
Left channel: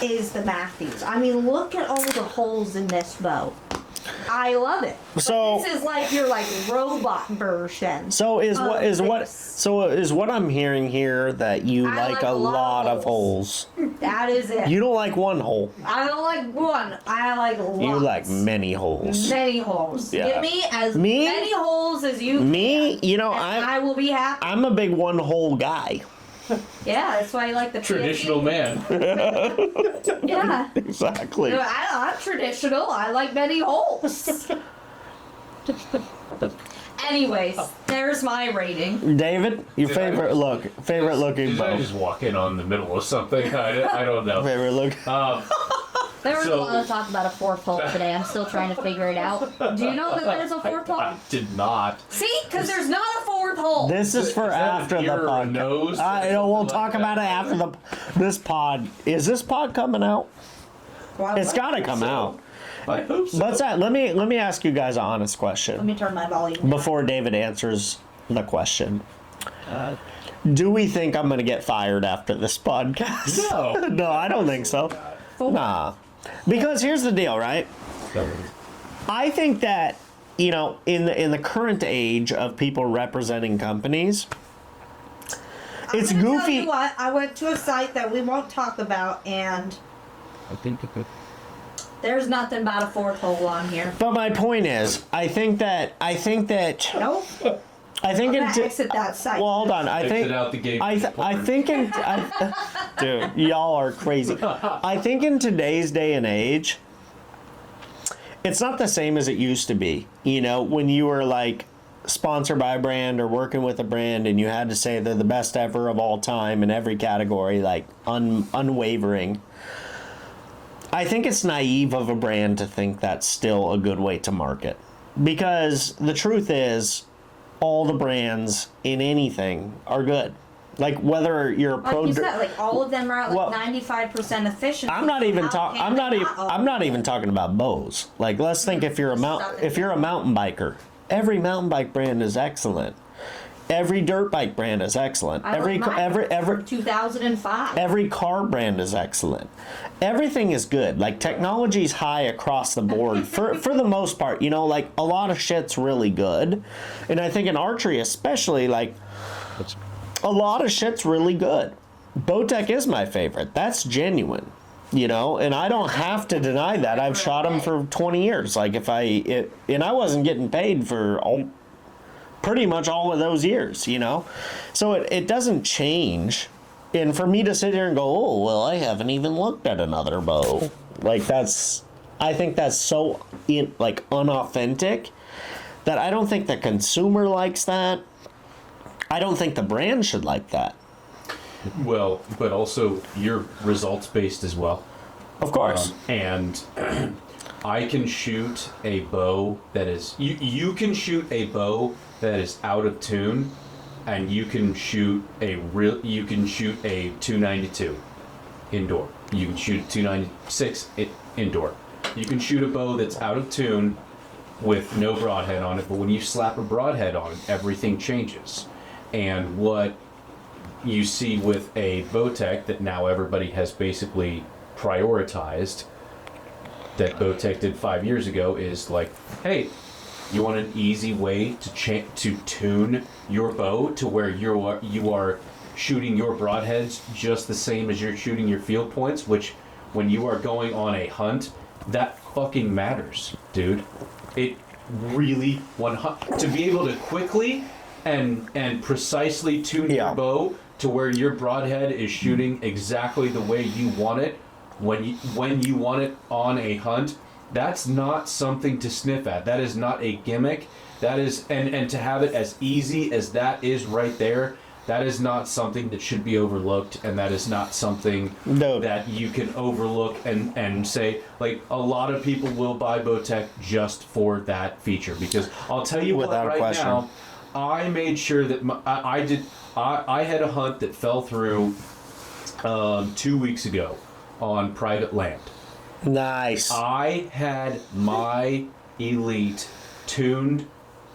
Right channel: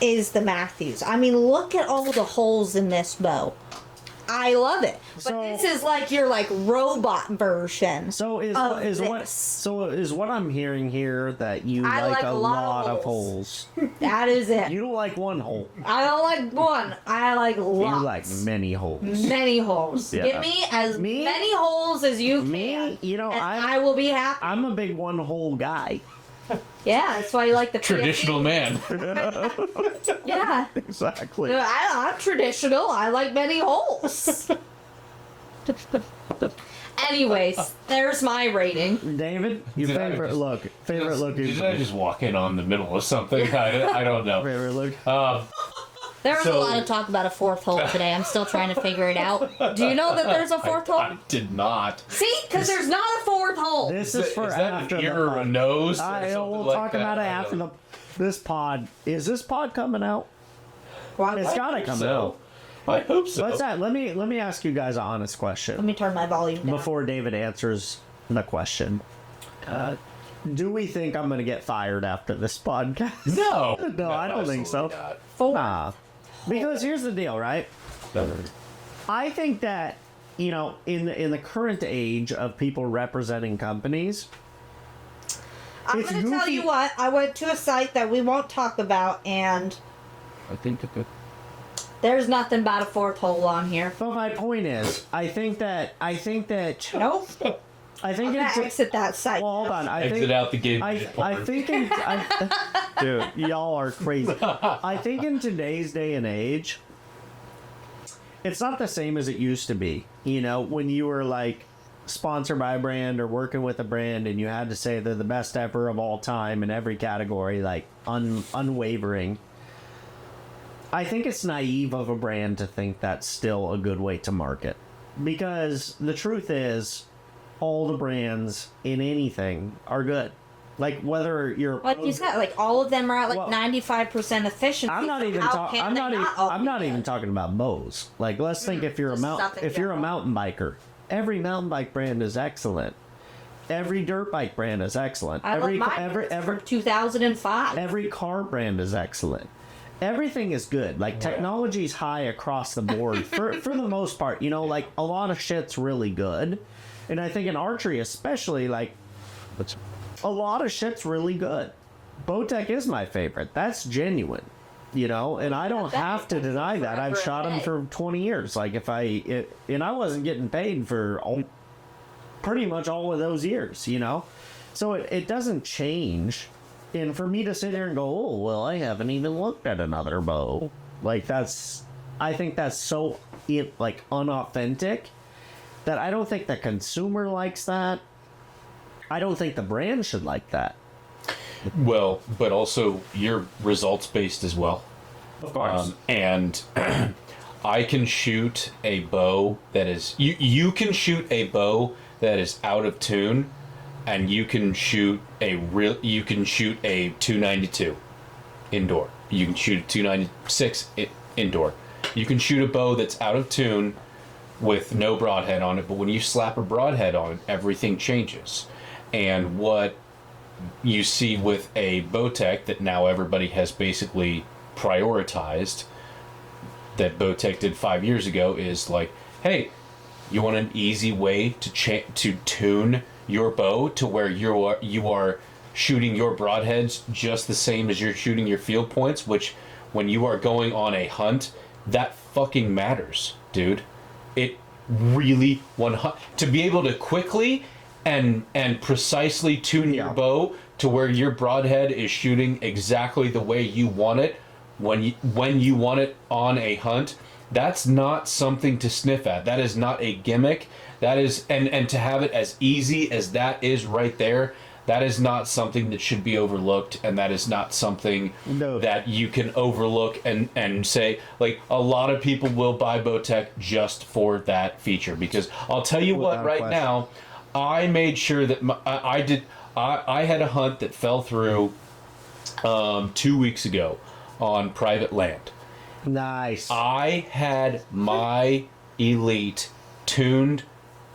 is the Matthews. I mean, look at all the holes in this bow. I love it. But So- this is like your like robot version. So is what I'm hearing here that you I like a lot of holes. That is it. You don't like one hole. I don't like one. I like lots. You like many holes. many holes. Yeah. Give me as Me? many holes as you Me, you know, and I will be happy. I'm a big one hole guy. Yeah, that's why you like the Traditional man. Yeah. Exactly. I'm traditional. I like many holes. Anyways, there's my rating. David, your Did I favorite just- looking Did I bow. just walk in on the middle of something? I don't know. Favorite look. There was a So- lot of talk about a fourth hole today. I'm still trying to figure it out. Do you know that there's a fourth hole? I did not. See, because there's not a fourth hole. This is for Is that after an the ear or a pod. nose? I know we'll Like talk that. about it after this pod. Is this pod coming out? It's gotta come out. I hope so. What's that? Let me ask you guys an honest Let question me turn my volume. before David answers the question. Do we think I'm gonna get fired after this podcast? No. No, I don't think so. Four. Nah. Because here's the deal, right? I think that, you know, in the current age of people representing companies, it's I'm gonna tell goofy. you what, I went to a site that we won't talk about, and I think there's nothing about a fourth hole on here. But my point is, I think that Nope. I think I'm it's gonna exit that site. well, hold on. I Exit think out the gate. I think dude, y'all are crazy. I think in today's day and age, it's not the same as it used to be. You know, when you were like sponsored by a brand or working with a brand and you had to say they're the best ever of all time in every category, like unwavering. I think it's naive of a brand to think that's still a good way to market. Because the truth is, all the brands in anything are good. Like whether you're a Like pro. you said, like all of them are at like Well, 95% efficiency. I'm not even How talking. can I'm they not even. all I'm not even talking about bows. Like let's think if you're a mountain biker, every mountain bike brand is excellent. Every dirt bike brand is excellent. I Every like mine from 2005. every car brand is excellent. Everything is good. Like technology's high across the board for the most part. You know, like a lot of shit's really good, and I think in archery especially, like a lot of shit's really good. Bowtech is my favorite. That's genuine. You know, and I don't have to deny that. I've shot them for 20 years. Like and I wasn't getting paid for pretty much all of those years, you know? So it doesn't change. And for me to sit here and go, oh, well, I haven't even looked at another bow. Like I think that's so unauthentic that I don't think the consumer likes that. I don't think the brand should like that. Well, but also you're results based as well. Of course. And I can shoot a bow that is you can shoot a bow that is out of tune, and you can shoot a 292 indoor. You can shoot a 296 indoor. You can shoot a bow that's out of tune with no broadhead on it, but when you slap a broadhead on it, everything changes. And what you see with a Bowtech that now everybody has basically prioritized, that Bowtech did 5 years ago, is like, hey, you want an easy way to tune your bow to where you are shooting your broadheads just the same as you're shooting your field points, which when you are going on a hunt, that fucking matters, dude. It really to be able to quickly and precisely tune your bow to where your broadhead is shooting exactly the way you want it when you want it on a hunt. That's not something to sniff at. That is not a gimmick. That is, and to have it as easy as that is right there, that is not something that should be overlooked, and that is not something that you can overlook and say, like, a lot of people will buy Bowtech just for that feature. Because I'll tell you what, right now, I made sure that I had a hunt that fell through 2 weeks ago on private land. Nice. I had my Elite tuned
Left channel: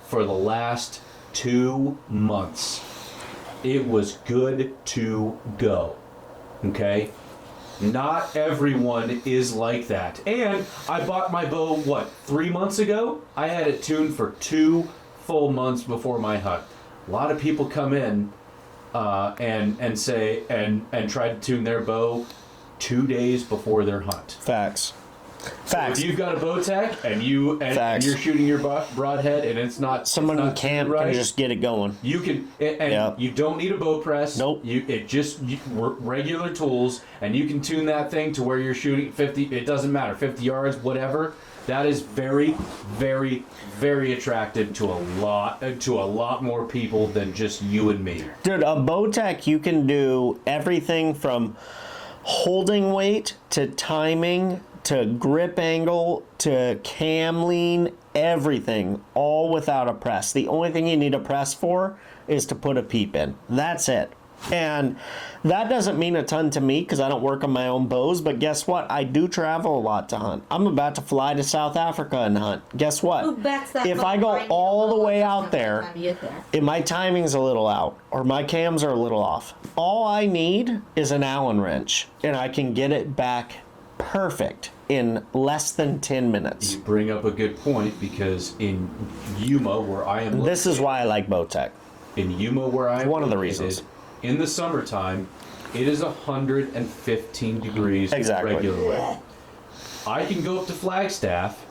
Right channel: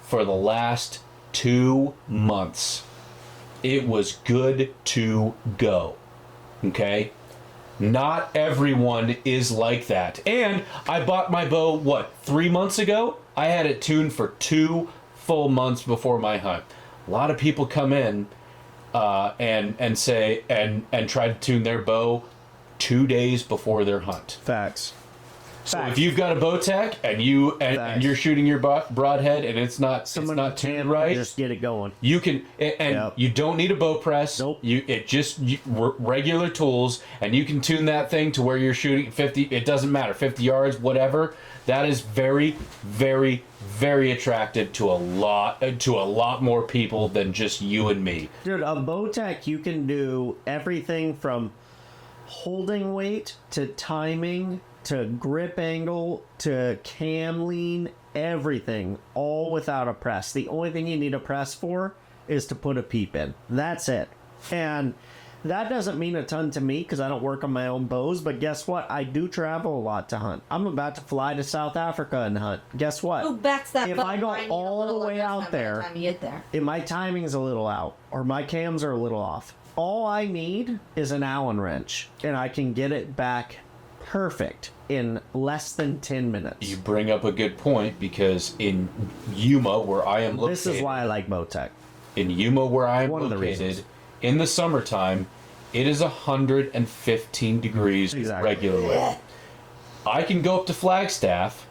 for the last 2 months. It was good to go. Okay? Not everyone is like that. And I bought my bow, 3 months ago? I had it tuned for 2 full months before my hunt. A lot of people come in and say and try to tune their bow 2 days before their hunt. Facts. So if you've got a Bowtech and you're shooting your broadhead and it's not can't right, just get it going. You can you don't need a bow press. Nope. Regular tools, and you can tune that thing to where you're shooting 50. It doesn't matter, 50 yards, whatever. That is very, very, very attractive to a lot more people than just you and me. Dude, a Bowtech, you can do everything from holding weight to timing to grip angle to cam lean, everything, all without a press. The only thing you need a press for is to put a peep in. That's it. And that doesn't mean a ton to me because I don't work on my own bows, but guess what? I do travel a lot to hunt. I'm about to fly to South Africa and hunt. Guess what? If I go all the way out there, if my timing's a little out or my cams are a little off, all I need is an Allen wrench and I can get it back perfect in less than 10 minutes. You bring up a good point, because in Yuma, where I am located, this is why I like Bowtech. In Yuma, where I am one of the located, reasons. In the summertime, it is 115 degrees regularly. I can go up to Flagstaff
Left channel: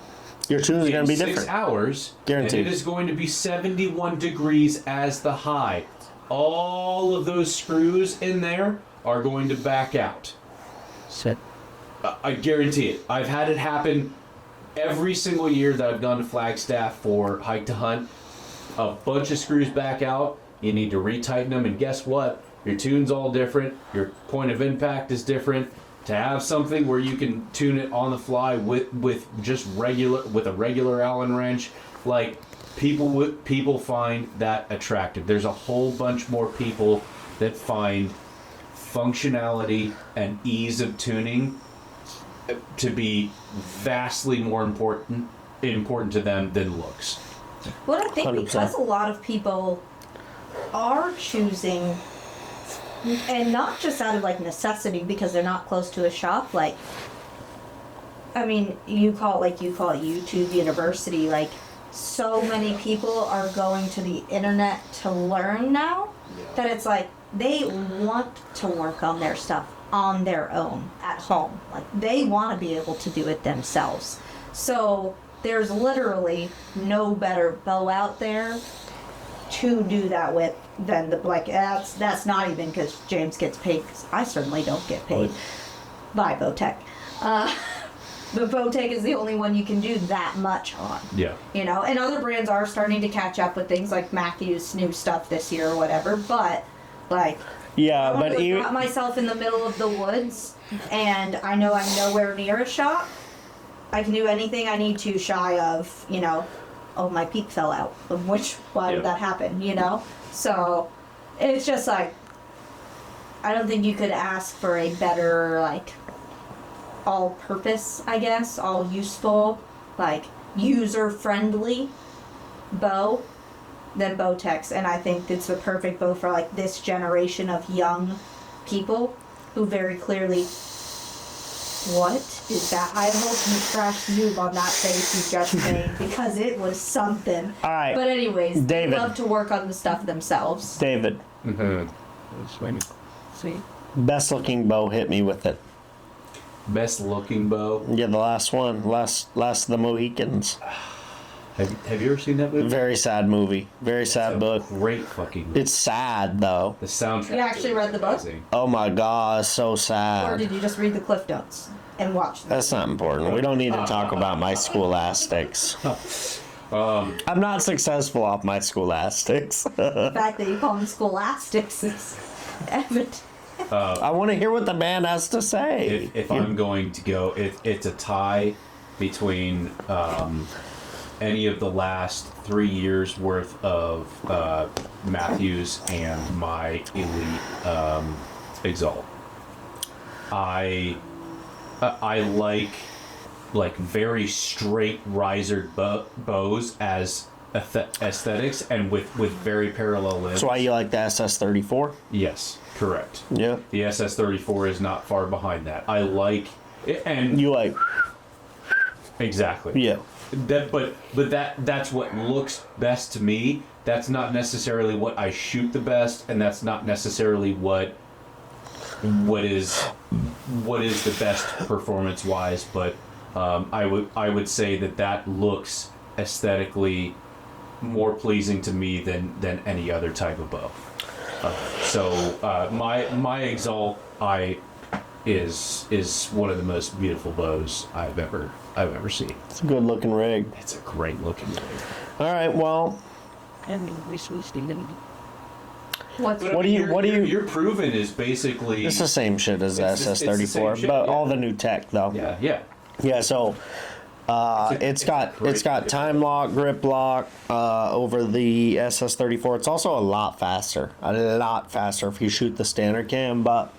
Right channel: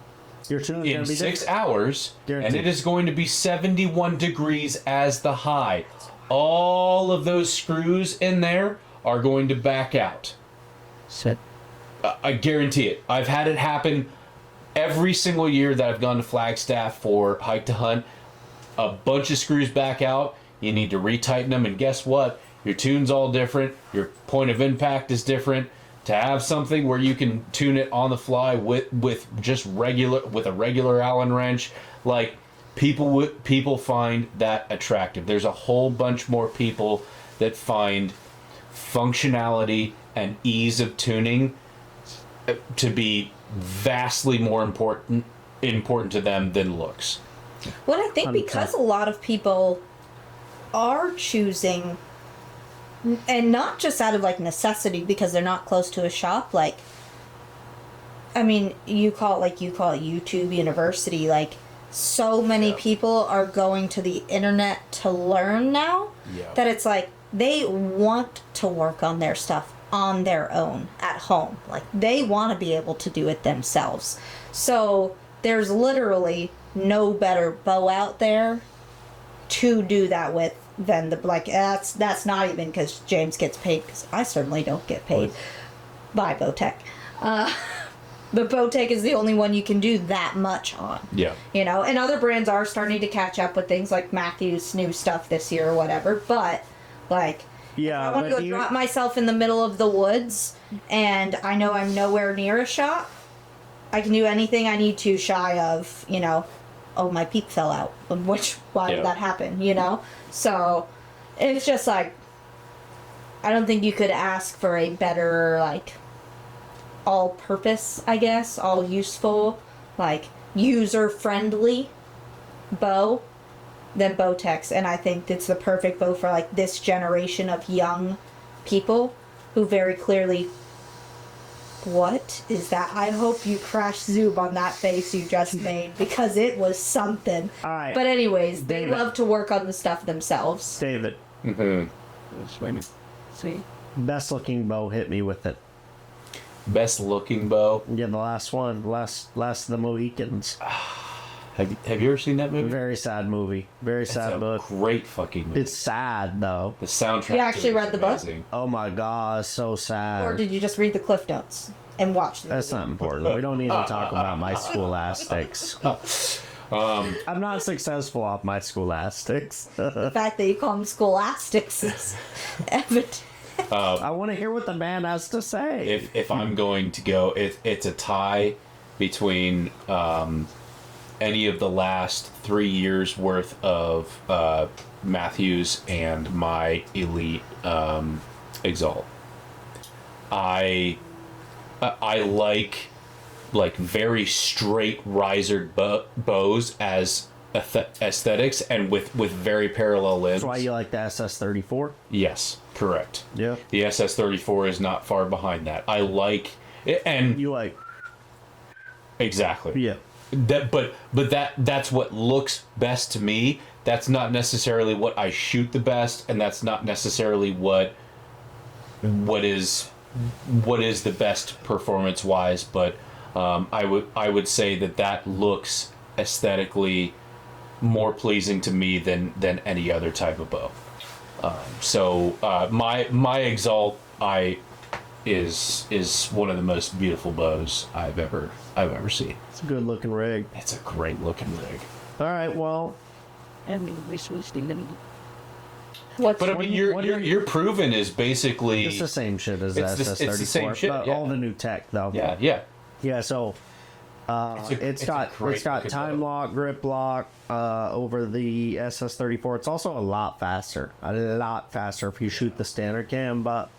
Your tune's going to be 6 different. hours, Guaranteed. and it is going to be 71 degrees as the high. All of those screws in there are going to back out. Sit. I guarantee it. I've had it happen every single year that I've gone to Flagstaff for hike to hunt. A bunch of screws back out. You need to retighten them, and guess what? Your tune's all different. Your point of impact is different. To have something where you can tune it on the fly with a regular Allen wrench, like, people find that attractive. There's a whole bunch more people that find functionality and ease of tuning to be vastly more important to them than looks. Well, I think 100%. because a lot of people are choosing, and not just out of like necessity because they're not close to a shop, like, I mean, you call it YouTube University, like, so many people are going to the internet to learn now that it's like they want to work on their stuff on their own at home. Like, they want to be able to do it themselves. So there's literally no better bow out there to do that with than that's not even because James gets paid, because I certainly don't get paid by Bowtech. But Bowtech is the only one you can do that much on. Yeah. You know, and other brands are starting to catch up with things like Matthew's new stuff this year or whatever, but like, Yeah, I want but to drop myself in the middle of the woods and I know I'm nowhere near a shop. I can do anything I need to shy of, oh, my peak fell out. Why did that happen, So it's just like, I don't think you could ask for a better, like, all-purpose, I guess, all useful. Like, user-friendly bow than Bowtex, and I think it's the perfect bow for like this generation of young people who very clearly. What is that? I hope you crash Zoob on that face you just made, because it was something. All right. But anyways, David. they love to work on the stuff themselves. David, Sweet. best looking bow, hit me with it. Best looking bow. Yeah, the last one, last of the Mohicans. Have you ever seen that movie? Very sad movie. Very sad book. Great fucking movie. It's sad though. The soundtrack. You actually is read the book? amazing. Oh my god, it's so Or sad. did you just read the Cliff Notes and watch them? That's not important. We don't need to talk about my scholastics. I'm not successful off my scholastics. The fact that you call them scholastics is evident. I want to hear what the man has to say. If I'm going to go, it's a tie between any of the last 3 years worth of Matthews and my Elite Exalt. I like very straight risered bows as aesthetics and with very parallel limbs. That's why you like the SS-34? Yes, correct. Yeah. The SS-34 is not far behind that. I like it, and You like, exactly. yeah. That's what looks best to me. That's not necessarily what I shoot the best, and that's not necessarily what is the best performance wise. But I would say that looks aesthetically more pleasing to me than any other type of bow. So my Exalt is one of the most beautiful bows I've ever seen. It's a good looking rig. It's a great looking rig. All right, well, And we switched them. What's But I What mean, do you- what do you- your proven is basically it's the same shit as the It's the same SS-34, shit, but yeah. all the new tech though. yeah. Yeah, so it's got great time lock, grip lock over the SS-34. It's also a lot faster if you shoot the standard cam. But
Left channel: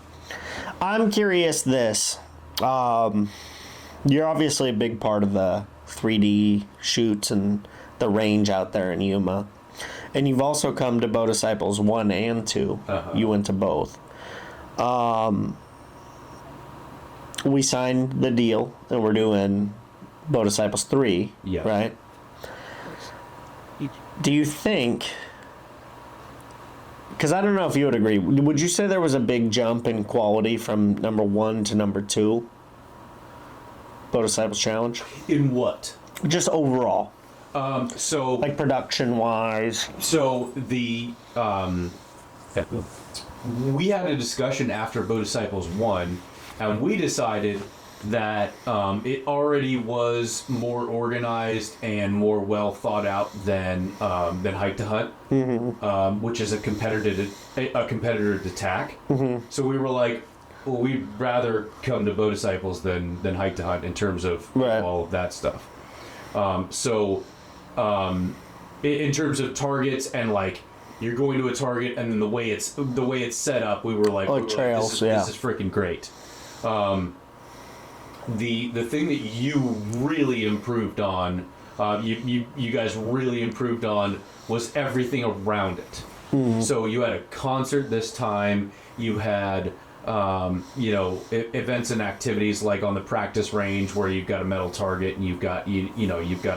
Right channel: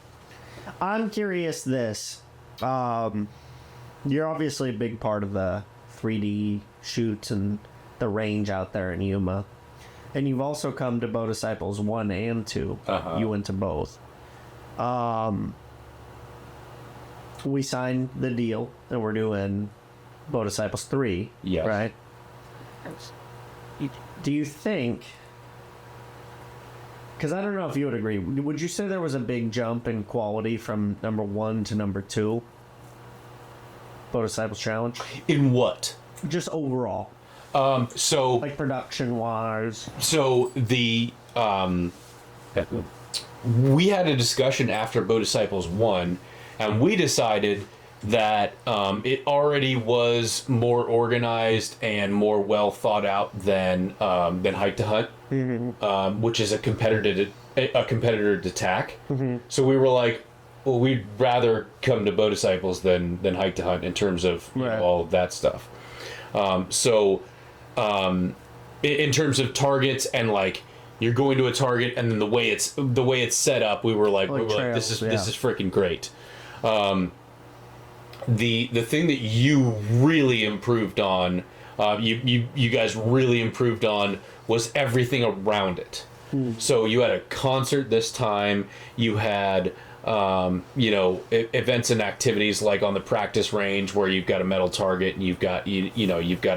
I'm curious this. You're obviously a big part of the 3D shoots and the range out there in Yuma. And you've also come to Bow Disciples 1 and 2. Uh-huh. You went to both. We signed the deal and we're doing Bow Disciples 3. Yes. Right? Do you think... Because I don't know if you would agree. Would you say there was a big jump in quality from number 1 to number 2? Bow Disciples Challenge? In what? Just overall. So Like production-wise. so the we had a discussion after Bow Disciples 1, and we decided that it already was more organized and more well thought out than Hike to Hunt, which is a competitor to TAC. So we were like, well, we'd rather come to Bow Disciples than Hike to Hunt in terms of Right. all of that stuff. In terms of targets and like you're going to a target and then the way it's set up, we were like, trails, this is freaking great. The thing that you really improved on, you guys really improved on, was everything around it. So you had a concert this time. You had events and activities like on the practice range where you've got a metal target and you've got you've got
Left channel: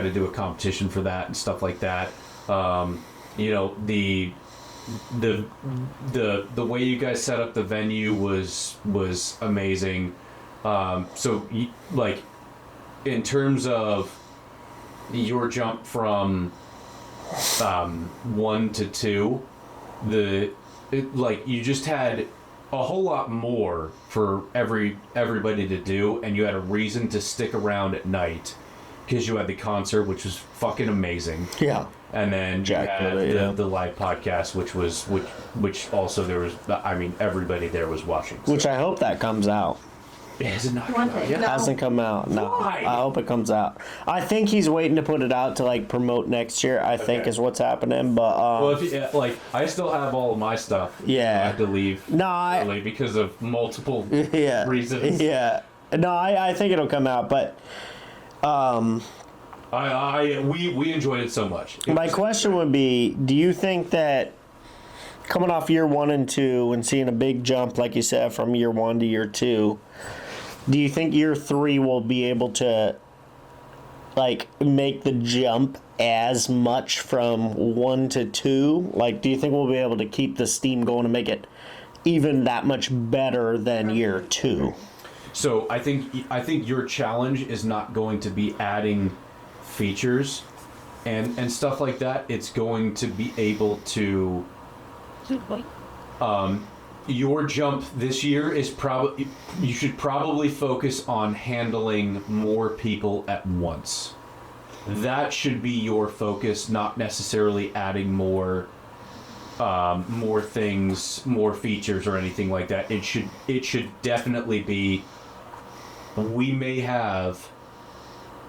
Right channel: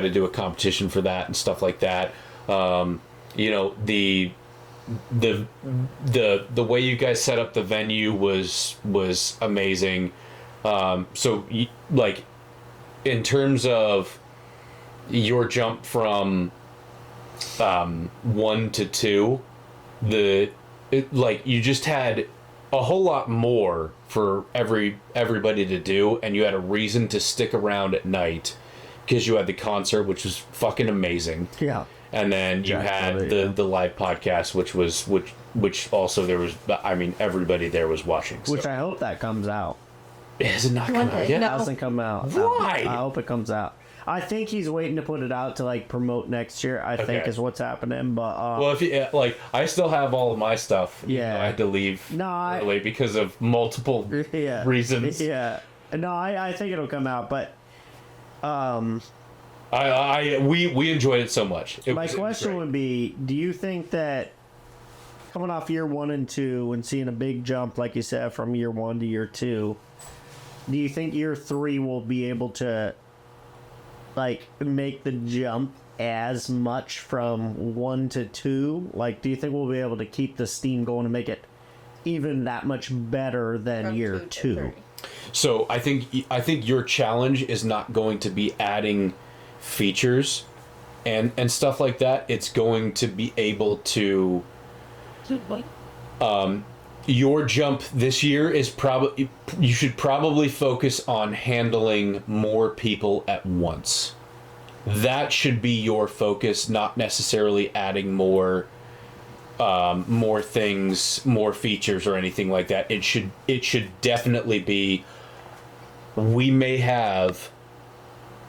to do a competition for that and stuff like that. The way you guys set up the venue was amazing. Like in terms of your jump from 1 to 2, you just had a whole lot more for everybody to do, and you had a reason to stick around at night because you had the concert, which was fucking amazing. Yeah. And then you Jack had did it, the live podcast, which also there was, I mean, everybody there was watching. So. Which I hope that comes out. Has it not come out yet? No. Hasn't come out. No. Why? I hope it comes out. I think he's waiting to put it out to like promote next year. I think Okay. is what's happening. But Well, if you, I still have all of my stuff. Yeah. I had to leave no, I, early because of multiple yeah, reasons. Yeah, no, I think it'll come out. But We enjoyed it so much. My question would be, do you think that coming off year 1 and 2 and seeing a big jump, like you said, from year 1 to year 2, do you think year 3 will be able to, like, make the jump as much from 1 to 2? Like, do you think we'll be able to keep the steam going and make it even that much better than year 2? So I think your challenge is not going to be adding features and stuff like that. It's going to be able to your jump this year is probably, you should probably focus on handling more people at once. That should be your focus, not necessarily adding more things, more features or anything like that. It should definitely be, we may have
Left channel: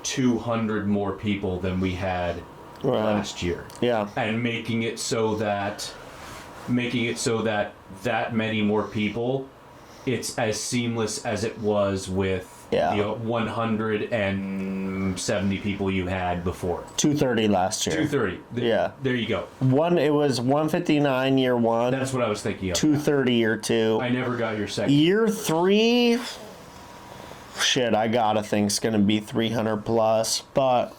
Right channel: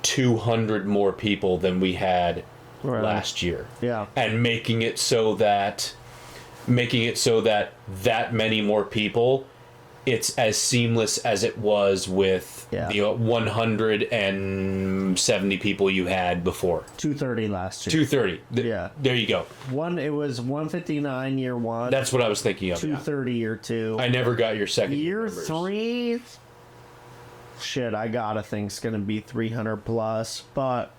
200 more people than we had last year. Yeah. And making it so that that many more people, it's as seamless as it was with the 170 people you had before. 230 last year. 230. Yeah. There you go. It was 159 year 1. That's what I was thinking of. 230 year 2. I never got your second. Year 3, shit, I gotta think it's gonna be 300 plus. But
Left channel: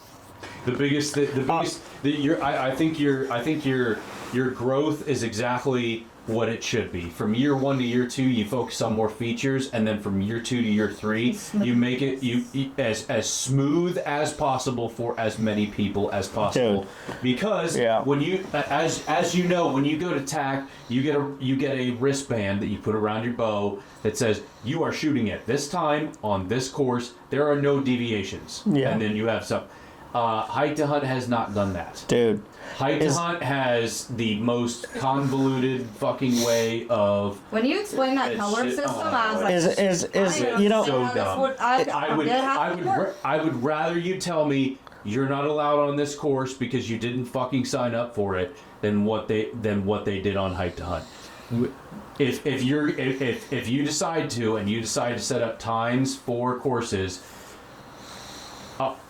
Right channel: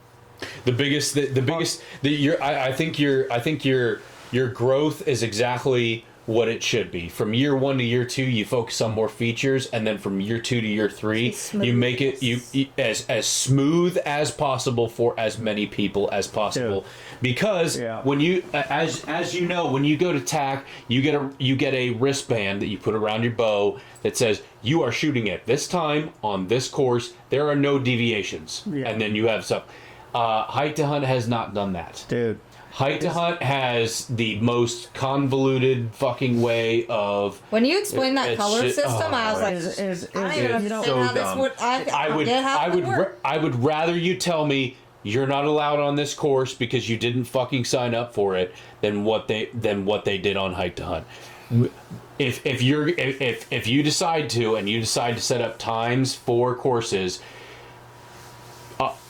I think your growth is exactly what it should be. From year 1 to year 2, you focus on more features, and then from year 2 to year 3, you make it as smooth as possible for as many people as possible. Dude. Because when you, as you know, when you go to TAC, you get a wristband that you put around your bow that says you are shooting at this time on this course. There are no deviations, and then you have stuff. Hike to Hunt has not done that, dude. Hike to Hunt has the most convoluted fucking way of. When you explained that color system, I was like, you know, so dumb. I would rather you tell me you're not allowed on this course because you didn't fucking sign up for it than what they did on Hike to Hunt. If you decide to set up times for courses,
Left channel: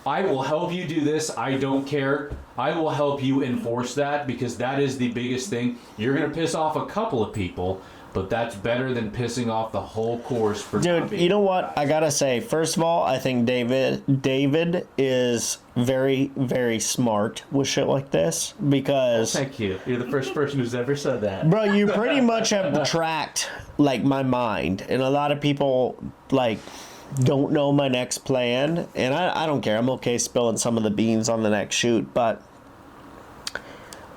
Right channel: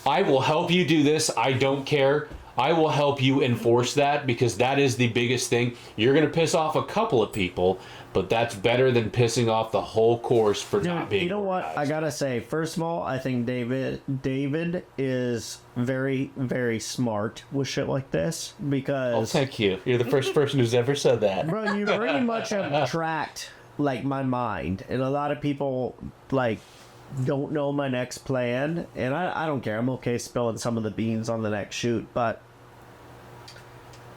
I will help you do this. I don't care. I will help you enforce that, because that is the biggest thing. You're going to piss off a couple of people, but that's better than pissing off the whole course for not being. You know what? I got to say, first of all, I think David is very, very smart with shit like this, because... Oh, thank you. You're the first person who's ever said that. Bro, you pretty much have tracked, like, my mind. And a lot of people, like, don't know my next plan. And I don't care. I'm okay spilling some of the beans on the next shoot, but...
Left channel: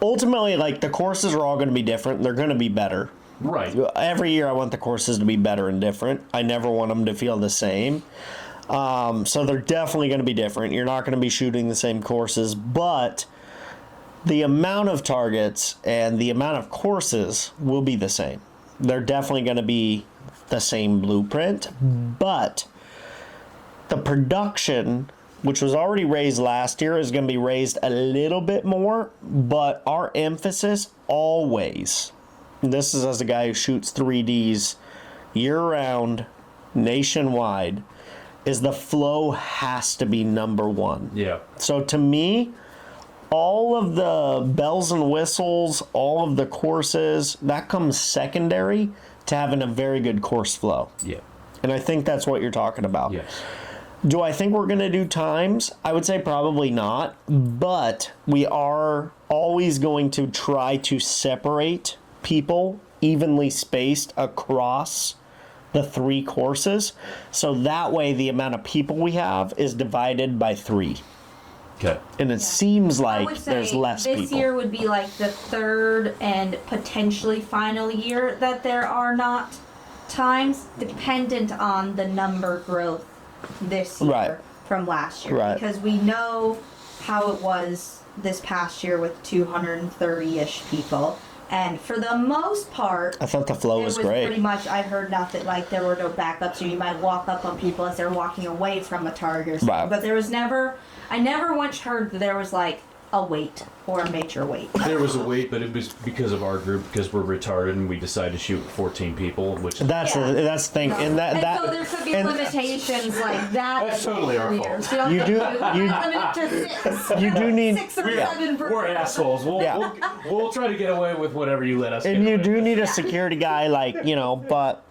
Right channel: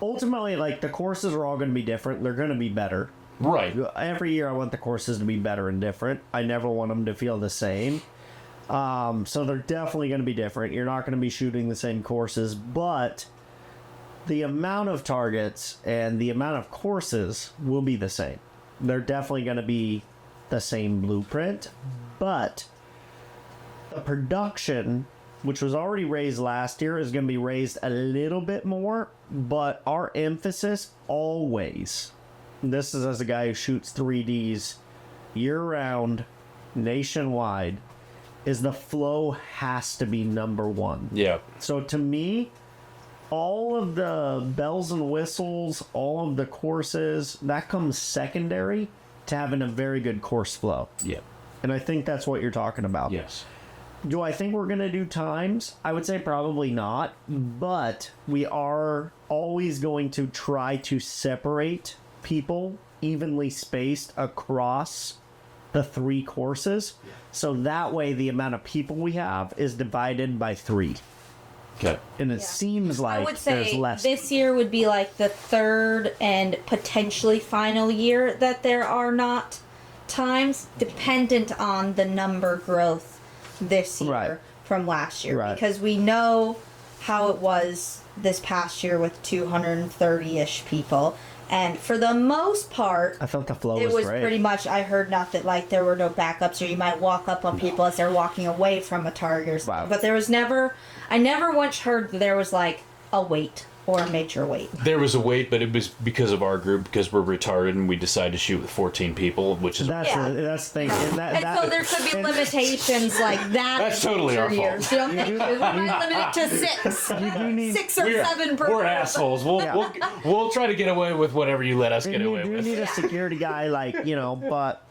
ultimately, like, the courses are all going to be different. They're going to be better. Right. Every year I want the courses to be better and different. I never want them to feel the same. So they're definitely going to be different. You're not going to be shooting the same courses, but the amount of targets and the amount of courses will be the same. They're definitely going to be the same blueprint, but the production, which was already raised last year, is going to be raised a little bit more, but our emphasis always, and this is as a guy who shoots 3Ds year-round, nationwide, is the flow has to be number one. Yeah. So to me, all of the bells and whistles, all of the courses, that comes secondary to having a very good course flow. Yeah. And I think that's what you're talking about. Yes. Do I think we're going to do times? I would say probably not, but we are always going to try to separate people evenly spaced across the 3 courses, so that way the amount of people we have is divided by 3. Okay. And it seems I like would say there's less this people. year would be like the 3rd and potentially final year that there are not times, dependent on the number growth this year from last year. Right. Because we know how it was this past year with 230-ish people. And for the most part, I thought the flow it was was great. pretty much, I heard nothing, like there were no backups, or you might walk up on people as they're walking away from a target or something. Right. But there was never, I never once heard that there was like a wait. or major weight. There was a weight, but it was because of our group, because we're retarded and we decided to shoot with 14 people, which is That's Yeah. that's the thing, and And so there could be limitations like that. That's totally our fault. Years. You don't You think do- you you- limit it to 6. you do need 6 or Yeah, 7 per we're person. assholes. We'll, Yeah. we'll try to get away with whatever you let us get and you away do with. need a security guy, like, you know, but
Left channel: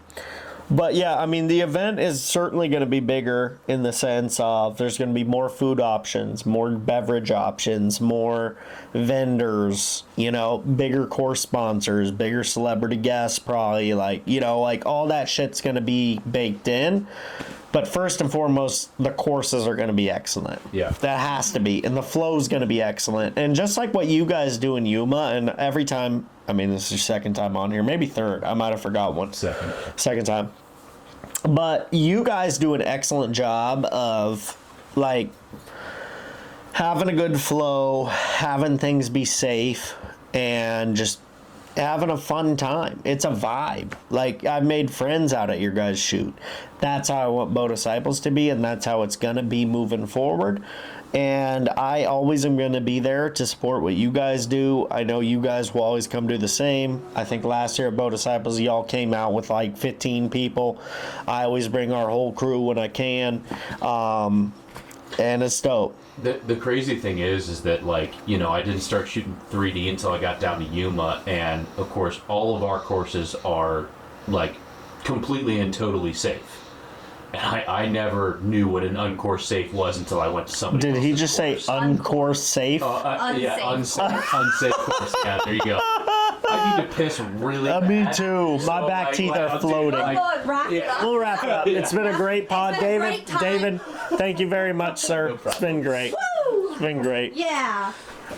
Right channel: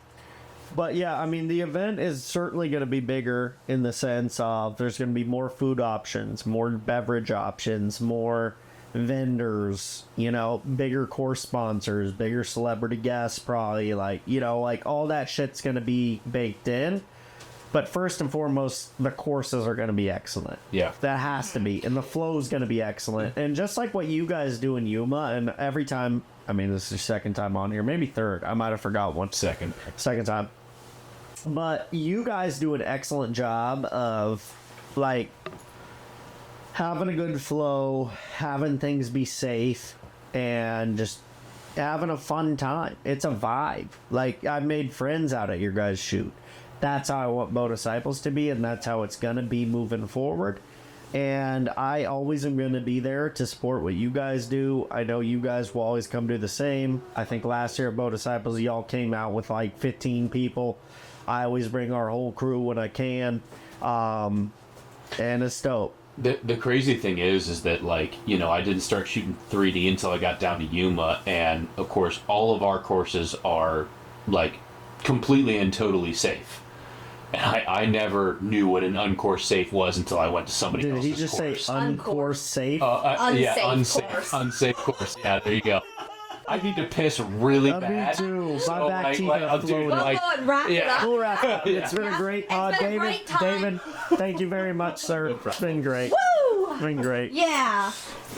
yeah, I mean, the event is certainly going to be bigger in the sense of there's going to be more food options, more beverage options, more vendors, you know, bigger course sponsors, bigger celebrity guests, probably, like, you know, like all that shit's going to be baked in. But first and foremost, the courses are going to be excellent. Yeah. That has to be. And the flow is going to be excellent. And just like what you guys do in Yuma, and every time, I mean, this is your second time on here, maybe third. I might have forgot one. Second time. But you guys do an excellent job of, like, having a good flow, having things be safe, and just having a fun time. It's a vibe. Like, I've made friends out at your guys' shoot. That's how I want Bow Disciples to be, and that's how it's going to be moving forward. And I always am going to be there to support what you guys do. I know you guys will always come do the same. I think last year at Bow Disciples, y'all came out with like 15 people. I always bring our whole crew when I can. And it's dope. The crazy thing is that, like, you know, I didn't start shooting 3D until I got down to Yuma, and of course all of our courses are like completely and totally safe. And I never knew what an uncourse safe was until I went to somebody. Did he just say uncourse safe? Yeah, unsafe course. Yeah, there you go. I need to piss really bad. Me too. My back teeth are floating. Oh, God, wrap it yeah. up. We'll wrap it up. It's been a great pod, It's been a David. great time. David, thank you very much, sir. It's been great. Woo! It's been great. Yeah.